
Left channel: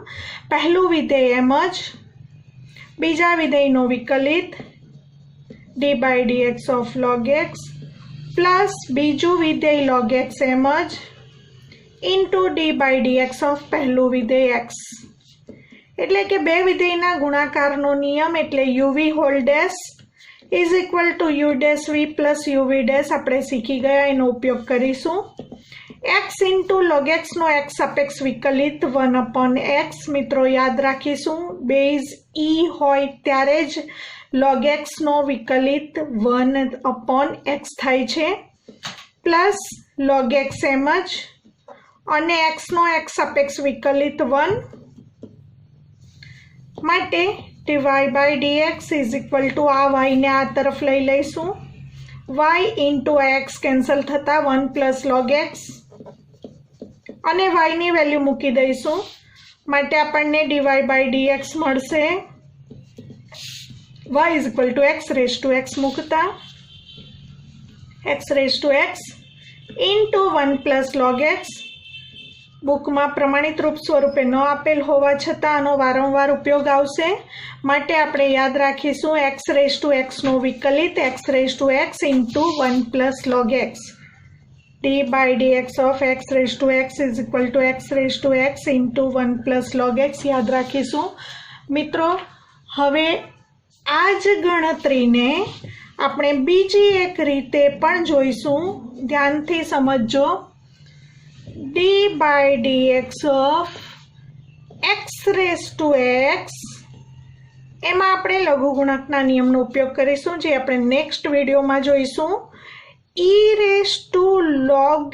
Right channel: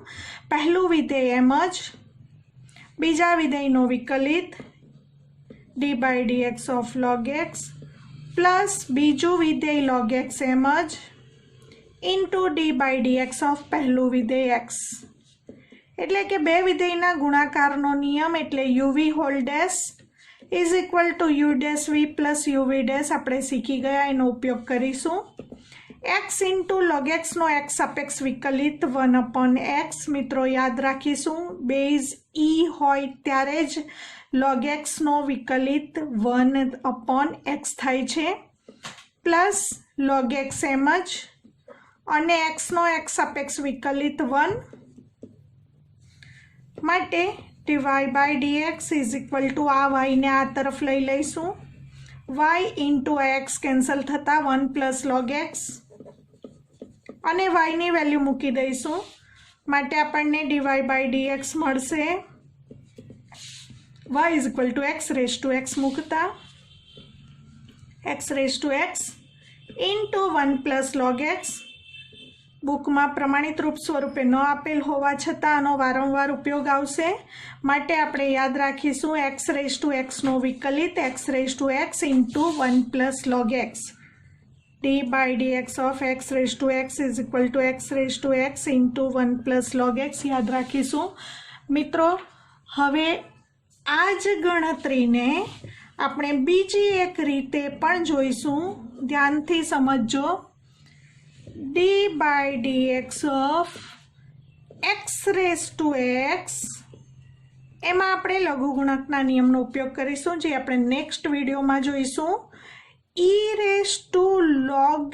પહેલું વિધેય એમ જ, બીજા વિધેયનો વિકલિત dy/dx of log x plus બીજું વિધેય log x એમ જ ઇન્ટુ dy/dx of પહેલું વિધેય x. એટલે કે બે વિધેયના ગુણાકારનો નિયમ, એટલે uv whole dash is equal to u dash v plus uv dash આપણે શીખી ગયા, એનો ઉપયોગ કરીશું. x * log x નો x સાપેક્ષ વિકલિત 1/x. મિત્રો યાદ રાખીશું, બેઝ e હોય ત્યારે જ log x નો વિકલિત 1/x થાય છે, પ્લસ log x એમ જ અને x નો x સાપેક્ષ વિકલિત 1 માટે dy/dx ઇઝ ઇક્વલ ટુ આ y ને આ તરફ લઈ લઈશું. y * x કેન્સલ થતા 1 + log x અને y ની વેલ્યુ મૂકી દઈશું, માટે આપણને dy/dx મળશે. y is equal two x⁴x મૂકતા x⁴x ઇન્ટુ 1 + log x. બુકમાં પ્રમાણિત રૂપ સ્વરૂપે ન આપેલ હોવા છતાં આનો વારંવાર ઉપયોગ આવશે, માટે આપણે યાદ રાખીશું x⁴x નો વિકલિત x⁴x into 1 + log x. dy/dx of x⁴x is equal two x⁴x into 1 + log x યાદ રાખીશું. મિત્રો, હવે આ જ ગણતરીને આપણે બીજી એક રીતે પણ જોઈશું, ધ્યાનથી સમજજો. dy/dx of x⁴x એમાં આપણે લઘુગુણકના નિયમનો ઉપયોગ કરીશું, જે આપણે નેક્સ્ટ વિડીયોમાં જોઈશું. e⁴log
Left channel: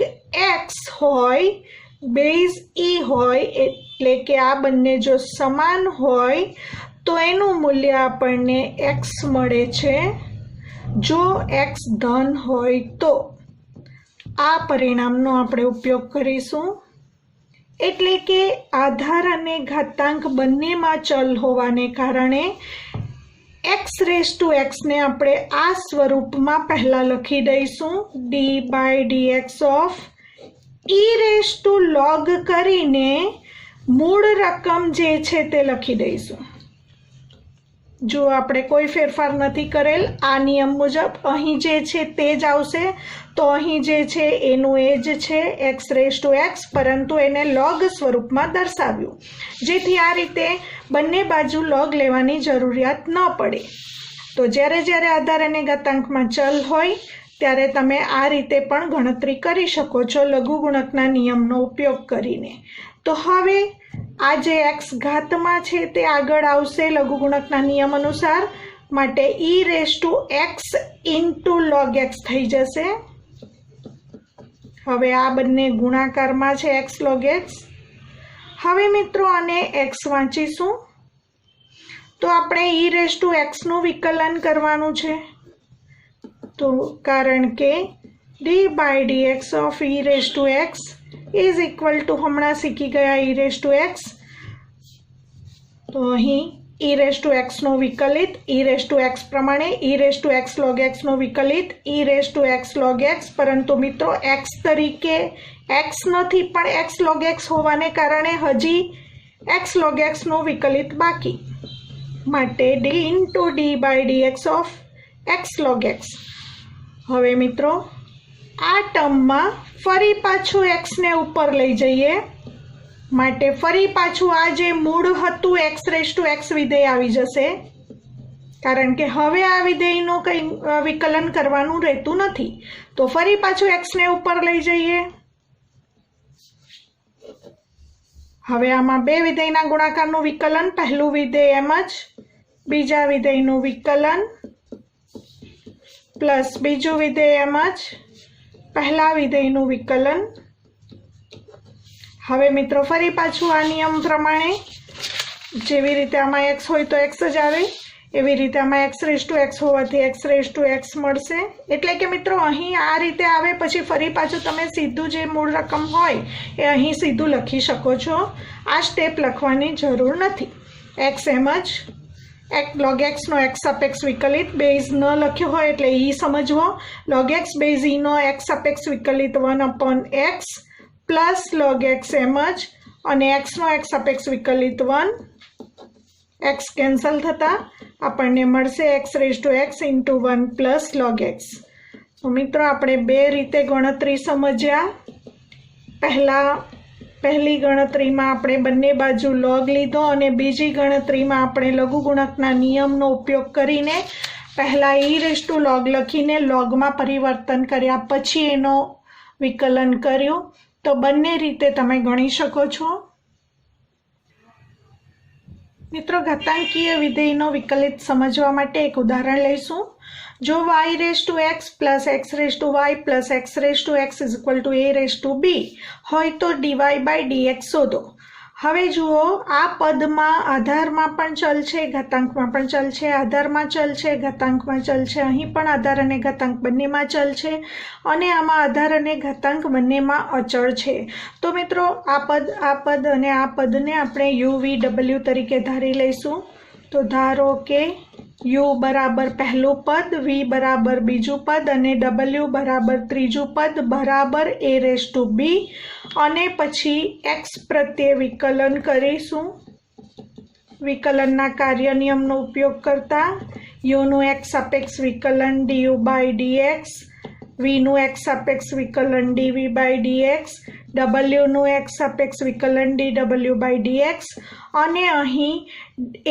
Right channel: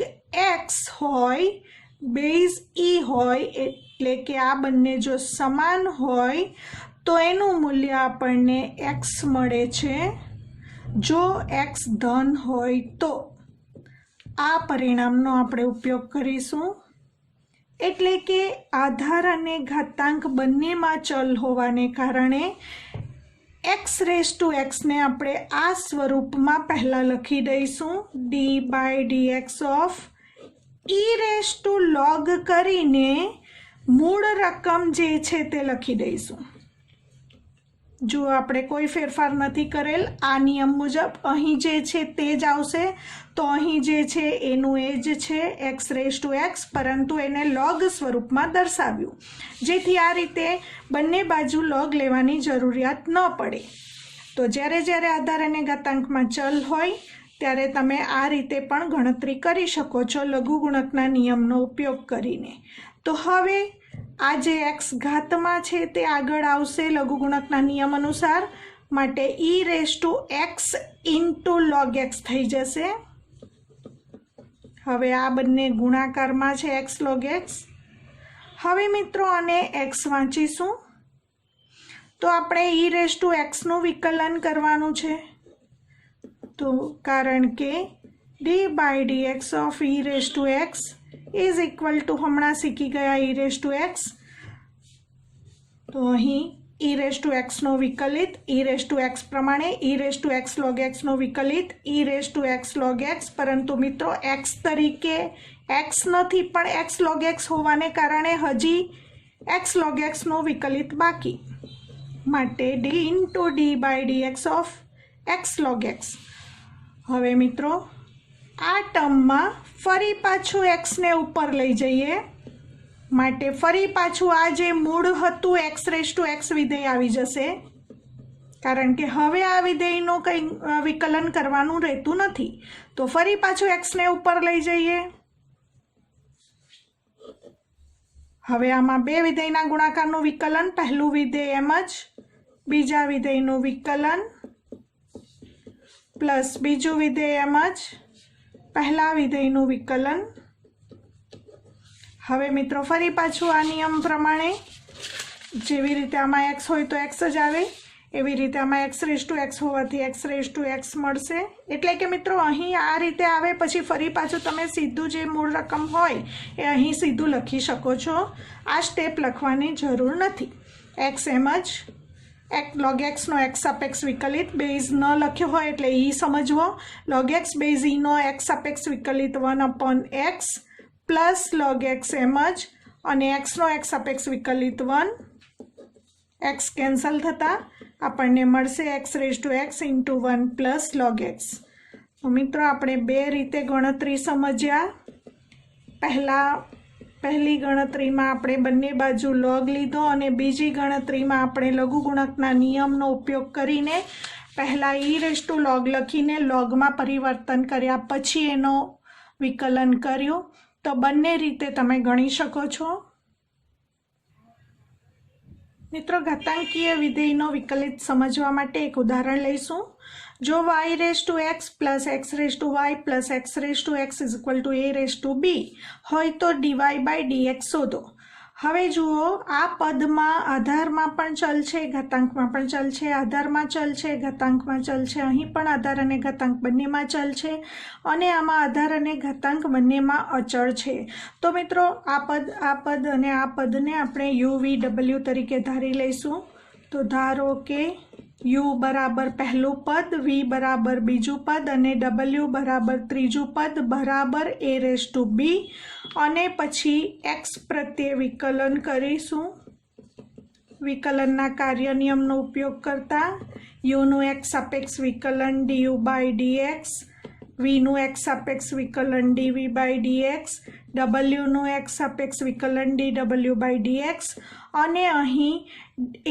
x હોય, બેઝ e હોય, એટલે કે આ બંને જો સમાન હોય તો એનું મૂલ્ય આપણને x મળે છે. જો x ધન હોય તો આ પરિણામનો આપણે ઉપયોગ કરીશું. એટલે કે આધાર અને ઘાતાંક બંનેમાં ચલ હોવાને કારણે x⁴x ને આપણે આ સ્વરૂપમાં પહેલાં લખી દઈશું. dy/dx of e⁴log કરીને મૂળ રકમ જે છે તે લખી દઈશું. જો આપણે કોઈ ફેરફાર નથી કરેલ, આ નિયમ મુજબ અહીં જે છે તે જ આવશે, તો અહીં જે છે એનું એ જ છે x⁴x, પરંતુ એને log સ્વરૂપમાં દર્શાવ્યું, જેથી આ રીતે બંને બાજુ log લેવાની જરૂરિયાત ન પડે. તો જ્યારે જ્યારે આધાર અને ઘાતાંકમાં ચલ હોય ત્યારે તમે આ રીતે પણ ગણતરી કરી શકો છો લઘુગુણકના નિયમનો ઉપયોગ કરીને. તો હવે આ જે x ઘાતમાં છે તે આગળ આવશે લઘુગુણકના નિયમ અનુસાર, માટે e⁴x ઇન્ટુ log x થઈ જશે. હવે આ બંને ગુણાકારમાં છે x log x. હવે મિત્રો આને x વાંચીશું તો આપણે e⁴x નું વિકલન કરવાનું છે, તો કારણ કે dy/dx of e⁴x is equal two હમણાં શીખી ગયા e⁴x, તો અહીં e રેઝ ટુ એક્સનો વિકલિત e રેઝ ટુ એક્સ પ્રમાણે e raise to x log xનો વિકલિત e raise to x log x, પરંતુ મિત્રો x તરીકે x નથી પણ x log x હોવાને કારણે હજી x log xનો વિકલિત બાકી, માટે d into d by dx of x log x. હવે મિત્રો આ ટર્મમાં ફરી પાછું xને ઉપર લઈ જઈએ, માટે ફરી પાછું આ જે મૂળ હતું x રેઝ ટુ x વિધેય આવી જશે, કારણ કે હવે આ વિધેયનું કંઈ વિકલન કરવાનું રહેતું નથી. તો ફરી પાછું xને ઉપર લઈ જઈએ. હવે આમાં બે વિધેયના ગુણાકારનું વિકલન, પહેલું વિધેય એમ જ, બીજા વિધેયનું વિકલન પ્લસ બીજું વિધેય એમ જ, પહેલા વિધેયનું વિકલન. હવે મિત્રો ફરી પાછું આ નિયમ પ્રમાણે જેવી રીતે આમાં x હોય તો x જ આવે, એવી રીતે આમાં x રેઝ ટુ x હોવાથી x રેઝ ટુ x મળશે. એટલે કે મિત્રો અહીં આ રીતે આવે પછી ફરી પાછું તમે સીધું જે મૂળ રકમ હોય એ અહીં સીધું લખી શકો છો, આ સ્ટેપ લખવાની જરૂર નથી. x એમ જ log x નો x સાપેક્ષ વિકલિત, બેઝ ન લખ્યો હોય એટલે e સમજવો, log x બેઝ e નો x સાપેક્ષ વિકલિત 1/x પ્લસ log x એમ જ, અને x નો x સાપેક્ષ વિકલિત 1, x કેન્સલ થતાં આપણને મળશે x raise to x into 1 plus log x. તો મિત્રો આપણે બે રીતે ગણતરી સમજ્યા. પહેલી ગણતરીમાં આપણે બંને બાજુ log લીધો અને બીજી ગણતરીમાં આપણે લઘુગુણકના નિયમનો ઉપયોગ કરીને પહેલાં e રેઝ ટુ log લખીને logમાં પરિવર્તન કર્યા પછી એનો વિકલન કર્યું. તો બંને રીતે તમે ગણી શકો છો. મિત્રો ઘાતાંકીય વિધેયનો વિકલિત સમજવા માટે એક ઉદાહરણ લઈશું. જો y raise to x plus x raise to y plus x raise to x is equal to a raise to b હોય તો dy બાય dx શોધો. હવે જુઓ, આ પદમાં આધારમાં પણ ચલ છે, ઘાતાંકમાં પણ ચલ છે, આધારમાં ચલ છે, ઘાતાંકમાં ચલ છે, અહીં પણ આધાર અને ઘાતાંક બંનેમાં ચલ છે, અને આમાં આધાર અને ઘાતાંક બંનેમાં અચળ છે. તો મિત્રો આ પદ અને આ પદને આપણે u v w તરીકે ધારી લઈશું. તો ધારો કે u બરાબર પહેલું પદ, v બરાબર બીજું પદ અને w બરાબર ત્રીજું પદ બરાબર a રેઝ ટુ b, અને પછી x પ્રત્યે વિકલન કરીશું. વિકલનના કાર્ય નિયમનો ઉપયોગ કરતા uનું x સાપેક્ષ વિકલન du બાય dx, vનું x સાપેક્ષ વિકલન dv બાય dx, wનું x સાપેક્ષ વિકલન dw બાય dx, અને અહીં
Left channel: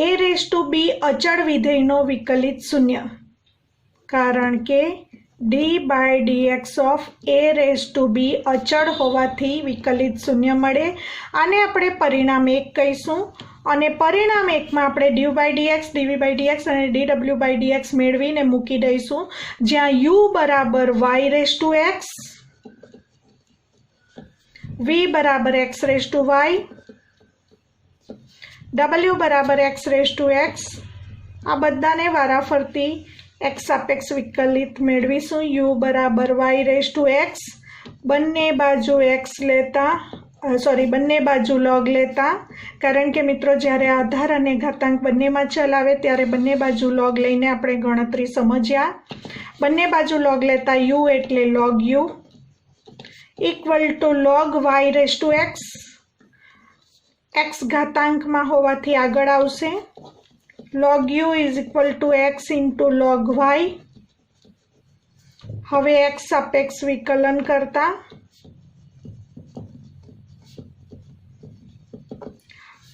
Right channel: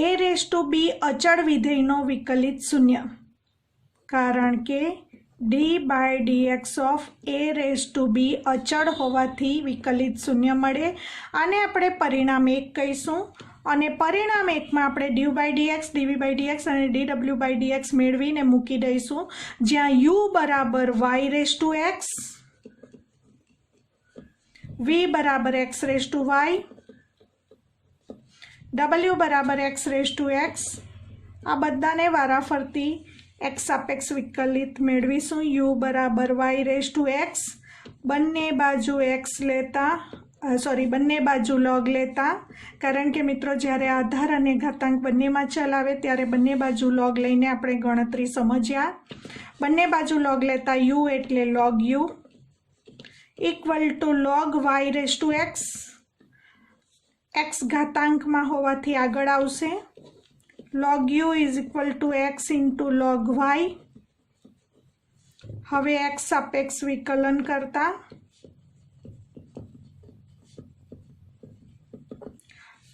a રેઝ ટુ b અચળ વિધેયનો વિકલિત શૂન્ય, કારણ કે d by dx of a raise to b અચળ હોવાથી વિકલિત શૂન્ય મળે. આને આપણે પરિણામ 1 કહીશું, અને પરિણામ 1માં આપણે du by dx, dv by dx અને dw બાય dx મેળવીને મૂકી દઈશું, જ્યાં u બરાબર y raise to x, v બરાબર x raise to y, w બરાબર x રેઝ ટુ x. આ બધાને વારાફરતી x સાપેક્ષ વિકલિત મેળવીશું. u બરાબર y રેઝ ટુ x, બંને બાજુ x લેતા બંને બાજુ log લેતા, કારણ કે મિત્રો જ્યારે આધાર અને ઘાતાંક બંનેમાં ચલ આવે ત્યારે બંને બાજુ log લઈને આપણે ગણતરી સમજ્યા. બંને બાજુ log લેતા u એટલે log u equal to log y raise to x, x ઘાતાંકમાં હોવાથી આગળ આવશે, log u is equal to x into log y. હવે x સાપેક્ષ વિકલન કરતા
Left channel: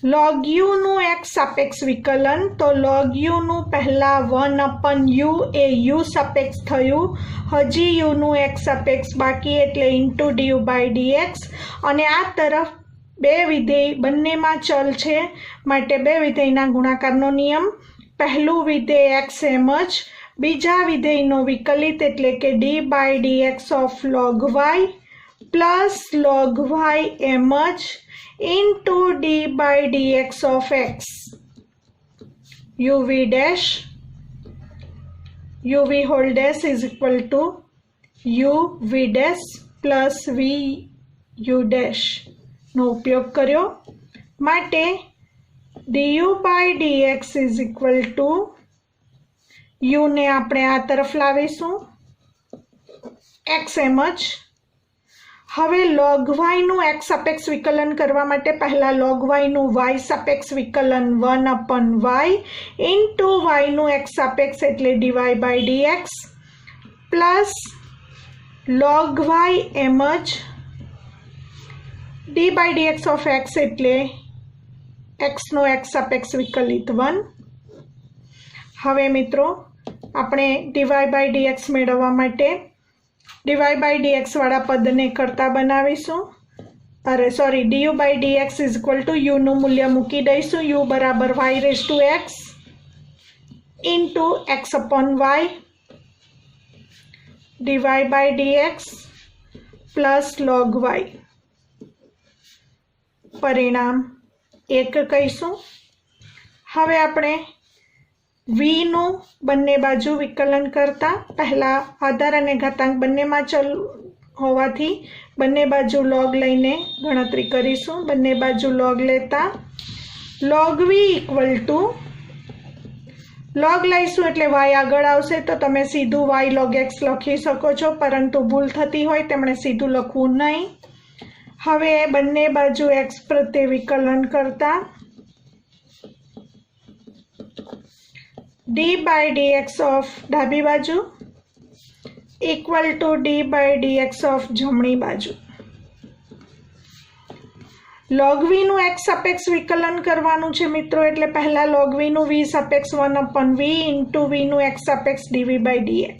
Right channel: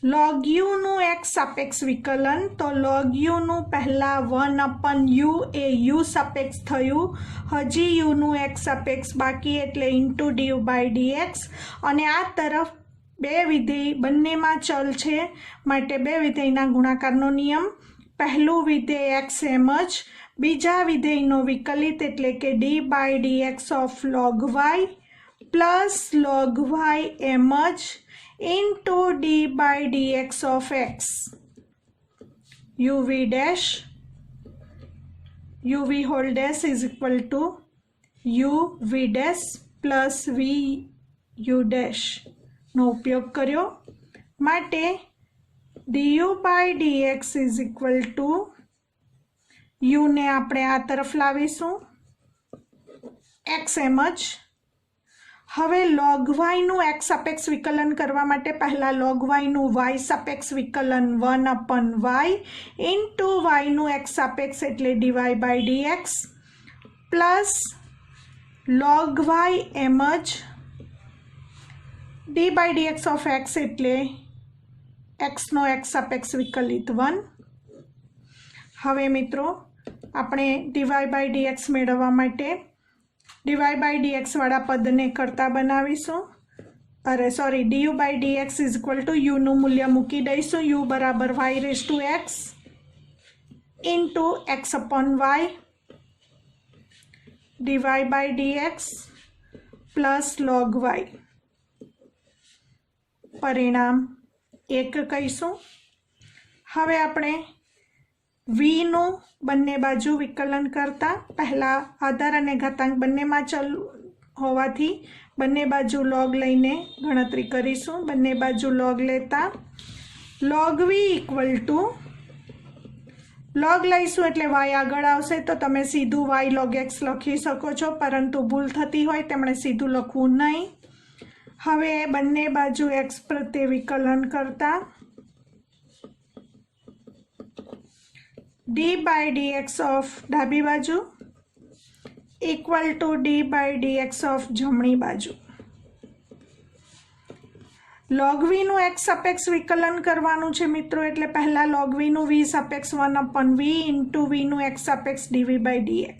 log u નું x સાપેક્ષ વિકલન, તો log u નું પહેલા 1/u એ u સાપેક્ષ થયું, હજી u નું x સાપેક્ષ બાકી એટલે ઇન્ટુ du બાય dx, અને આ તરફ બે વિધેય બંનેમાં ચલ છે માટે બે વિધેયના ગુણાકારનો નિયમ. પહેલું વિધેય x એમ જ, બીજા વિધેયનો વિકલિત એટલે કે d by dx of log y plus log y એમ જ into d by dx of x, uv dash, uv whole dash is equal to uv dash plus vu dash નો ઉપયોગ કર્યો, માટે du by dx is equal to u ને આપણે આ તરફ લાવીશું x એમ જ. હવે log y નું x સાપેક્ષ વિકલન કરવા માટે પહેલા log y નું y સાપેક્ષ વિકલન 1/y ઇન્ટુ y નું x સાપેક્ષ એટલે dy by dx plus log y એમ જ d by dx of x એટલે x નો x સાપેક્ષ વિકલિત 1. હવે મિત્રો આપણે dy બાય dx મેળવવા માટે dy બાય dx વાળા પદને કરતા બનાવીશું. du by dx is equal to u નું મૂલ્ય મૂકી દઈશું. u બરાબર y raise to x into x upon y dy by dx plus log y. પરિણામ 1 કહીશું. હવે આપણે v નું બંને બાજુ વિકલન કરતા પહેલા આધાર અને ઘાતાંક બંનેમાં ચલ હોવાથી બંને બાજુ log લઈને ગણતરી કરીશું. બંને બાજુ log લેતા log v equal to log લઈશું એટલે y આગળ આવશે તો તમે સીધું y log x લખી શકો છો, પરંતુ ભૂલ થતી હોય તેમણે સીધું લખવું નહીં. હવે બંને બાજુ x પ્રત્યે વિકલન કરતા d બાય dx ઓફ ડાબી બાજુ equal to d by dx of જમણી બાજુ. log v નું x સાપેક્ષ વિકલન કરવાનું છે મિત્રો, એટલે પહેલા log v નું v સાપેક્ષ 1/v ઇન્ટુ v નું x સાપેક્ષ dv બાય dx.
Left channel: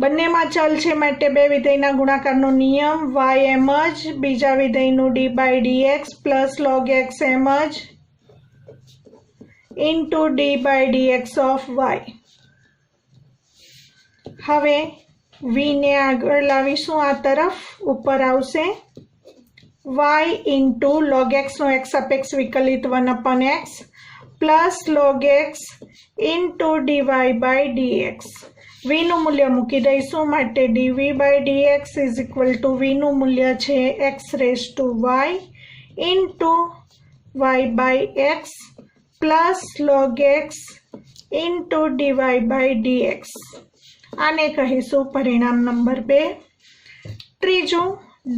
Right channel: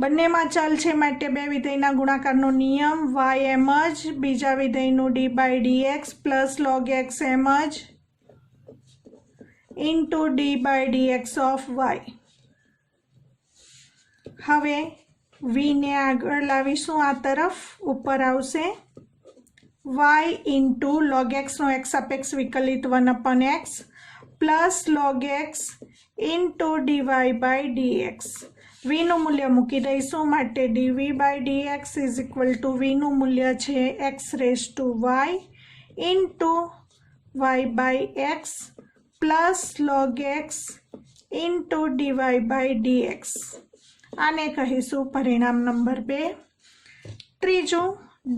બંનેમાં ચલ છે માટે બે વિધેયના ગુણાકારનો નિયમ y એમ જ બીજા વિધેયનું d by dx plus log x એમ જ into d by dx of y. હવે v ને આગળ લાવીશું, આ તરફ ઉપર આવશે y ઇન્ટુ log x નો x સાપેક્ષ વિકલિત 1/x plus log x into dy by dx. v નું મૂલ્ય મૂકી દઈશું માટે dv by dx is equal to v નું મૂલ્ય છે x raise to y into y by x plus log x into dy by dx. આને કહીશું પરિણામ નંબર 2. ત્રીજું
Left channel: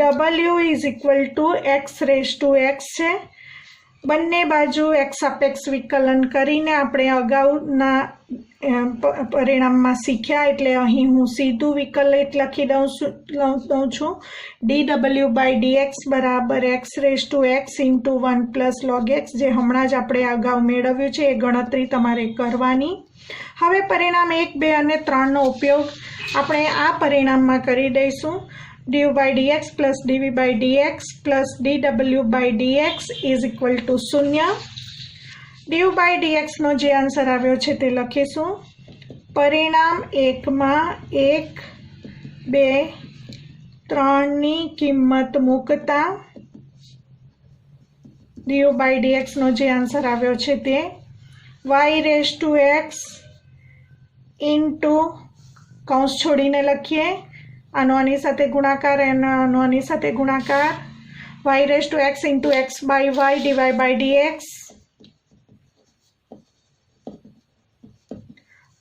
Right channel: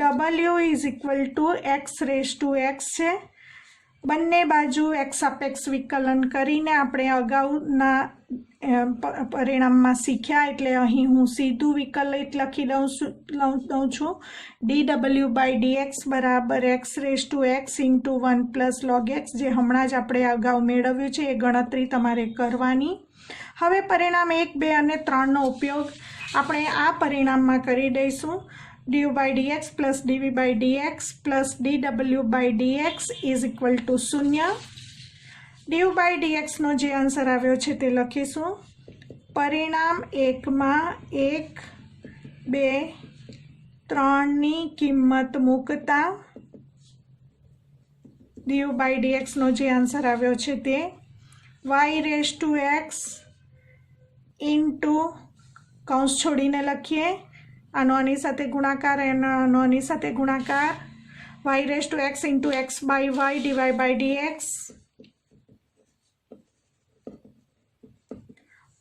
w is equal to x raise to x છે. બંને બાજુ x સાપેક્ષ વિકલન કરીને આપણે અગાઉના પરિણામમાં શીખ્યા, એટલે અહીં હું સીધું વિકલિત લખી દઉં છું dw બાય dx બરાબર x raise to x into 1 plus log x, જે હમણાં જ આપણે અગાઉ મેળવ્યું છે. એ ગણતરી તમારે કરવાની. હવે પરિણામ 1, 2 અને 3નો ઉપયોગ આપણે આ પરિણામમાં કરી દઈશું. du by dx plus dv by dx plus dw by dx is equal to 0. du by dx નો જે આન્સર આવ્યો છે તે લખીશું. પરિણામ 1માં 1, 2, 3ની કિંમત મૂકતા du બાય dx નો જે આન્સર આવ્યો છે તે y raise to x into કૌંસ છોડીને લખીએ, આનો આની સાથે ગુણાકાર આનો આની સાથે ગુણાકાર y raise to x into x by y dy by dx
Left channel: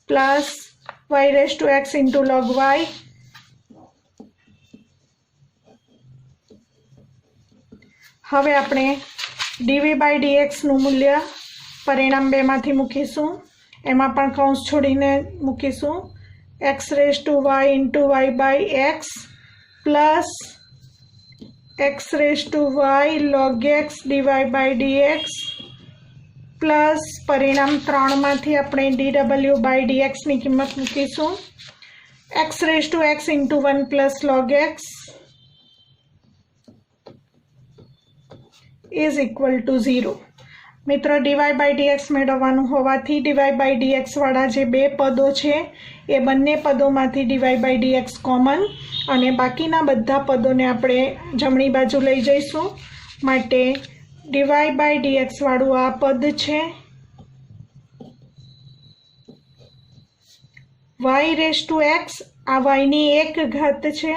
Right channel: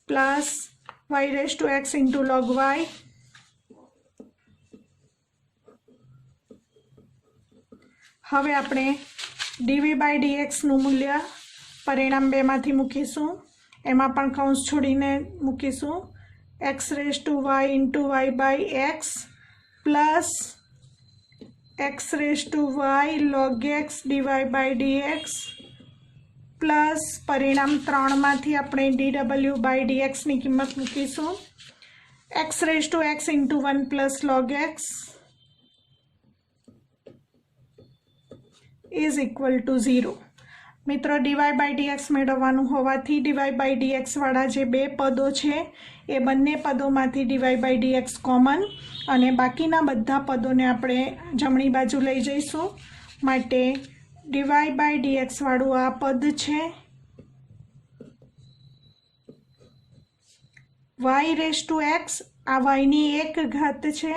plus y raise to x into log y. હવે આપણે dv બાય dx નું મૂલ્ય પરિણામ 2માંથી મૂકીશું, એમાં પણ કૌંસ છોડીને મૂકીશું x raise to y into y by x plus x raise to y log x dy by dx plus પરિણામ 3માંથી આપણે dw બાય dx ની કિંમત મૂકીશું x raise to x into 1 plus log x is equal to 0. મિત્રો dy by dx મેળવવાનું હોવાથી dy by dx વાળા જે બે પદો છે એ બંને પદોમાંથી dy બાય dx કોમન અને બાકીના બધા પદોને આપણે જમણી બાજુ લઈ જઈશું. માટે dy બાય dx વાળું આ પદ છે y રેઝ ટુ x, આ y ની એક ઘાત છે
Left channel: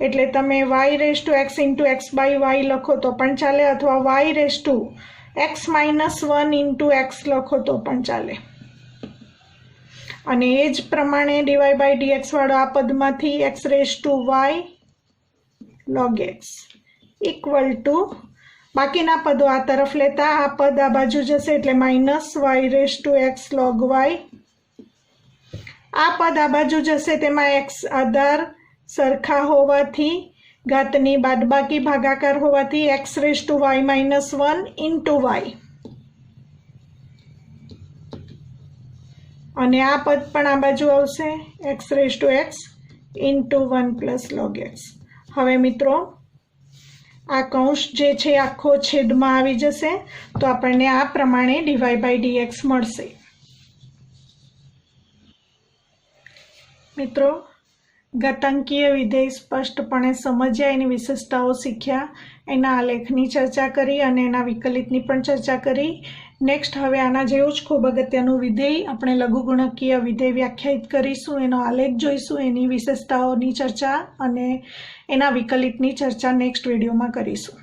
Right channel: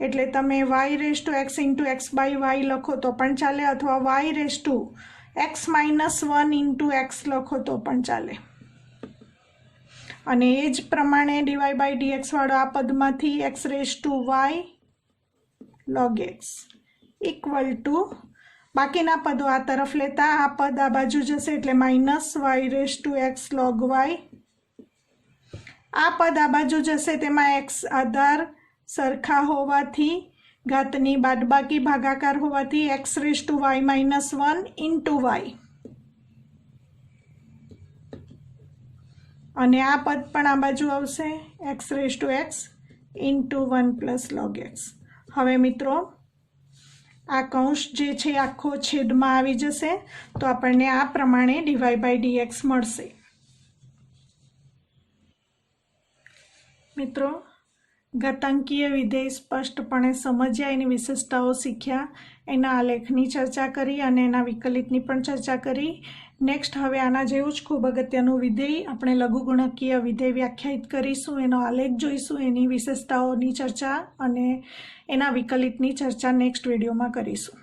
એટલે તમે y raise to x into x by y લખો તો પણ ચાલે, અથવા y raise to x -1 into x લખો તો પણ ચાલે. અને એ જ પ્રમાણે dy/dx વાળો આ પદમાંથી x⁴y log x equal to બાકીના પદો આ તરફ લેતા આ પદ આ બાજુ જશે એટલે -y⁴x log y. આ પદ આ બાજુ જશે તેમાં x આધાર સરખા હોવાથી ઘાતની બાદબાકી ભાગાકાર હોવાથી x⁴y -1 ઇન્ટુ y. અને આ પદ પણ આ બાજુ આવશે x⁴x ઇન્ટુ 1 log x. હવે મિત્રો આ કૌંસ જે છે આખો છેદમાં આવી જશે તો આપણને આ પ્રમાણે dy/dx મળશે. મિત્રો ઘાતાંકીય વિધેય સ્પષ્ટપણે સમજ્યા, એની વિશેષતાઓ શીખ્યા, એના આલેખની ચર્ચા કરી અને એના વિકલિતની પણ ચર્ચા કરી. નેક્સ્ટ હવે આના જેવું જ ખૂબ અગત્યનું વિધેય આપણે લઘુગુણકીય વિધેય વ્યાખ્યાયિત કરીશું, એનો આલેખ જોઈશું, એની વિશેષતાઓની ચર્ચા અને એના વિકલિતની ચર્ચા નેક્સ્ટ વિડીયોમાં કરીશું.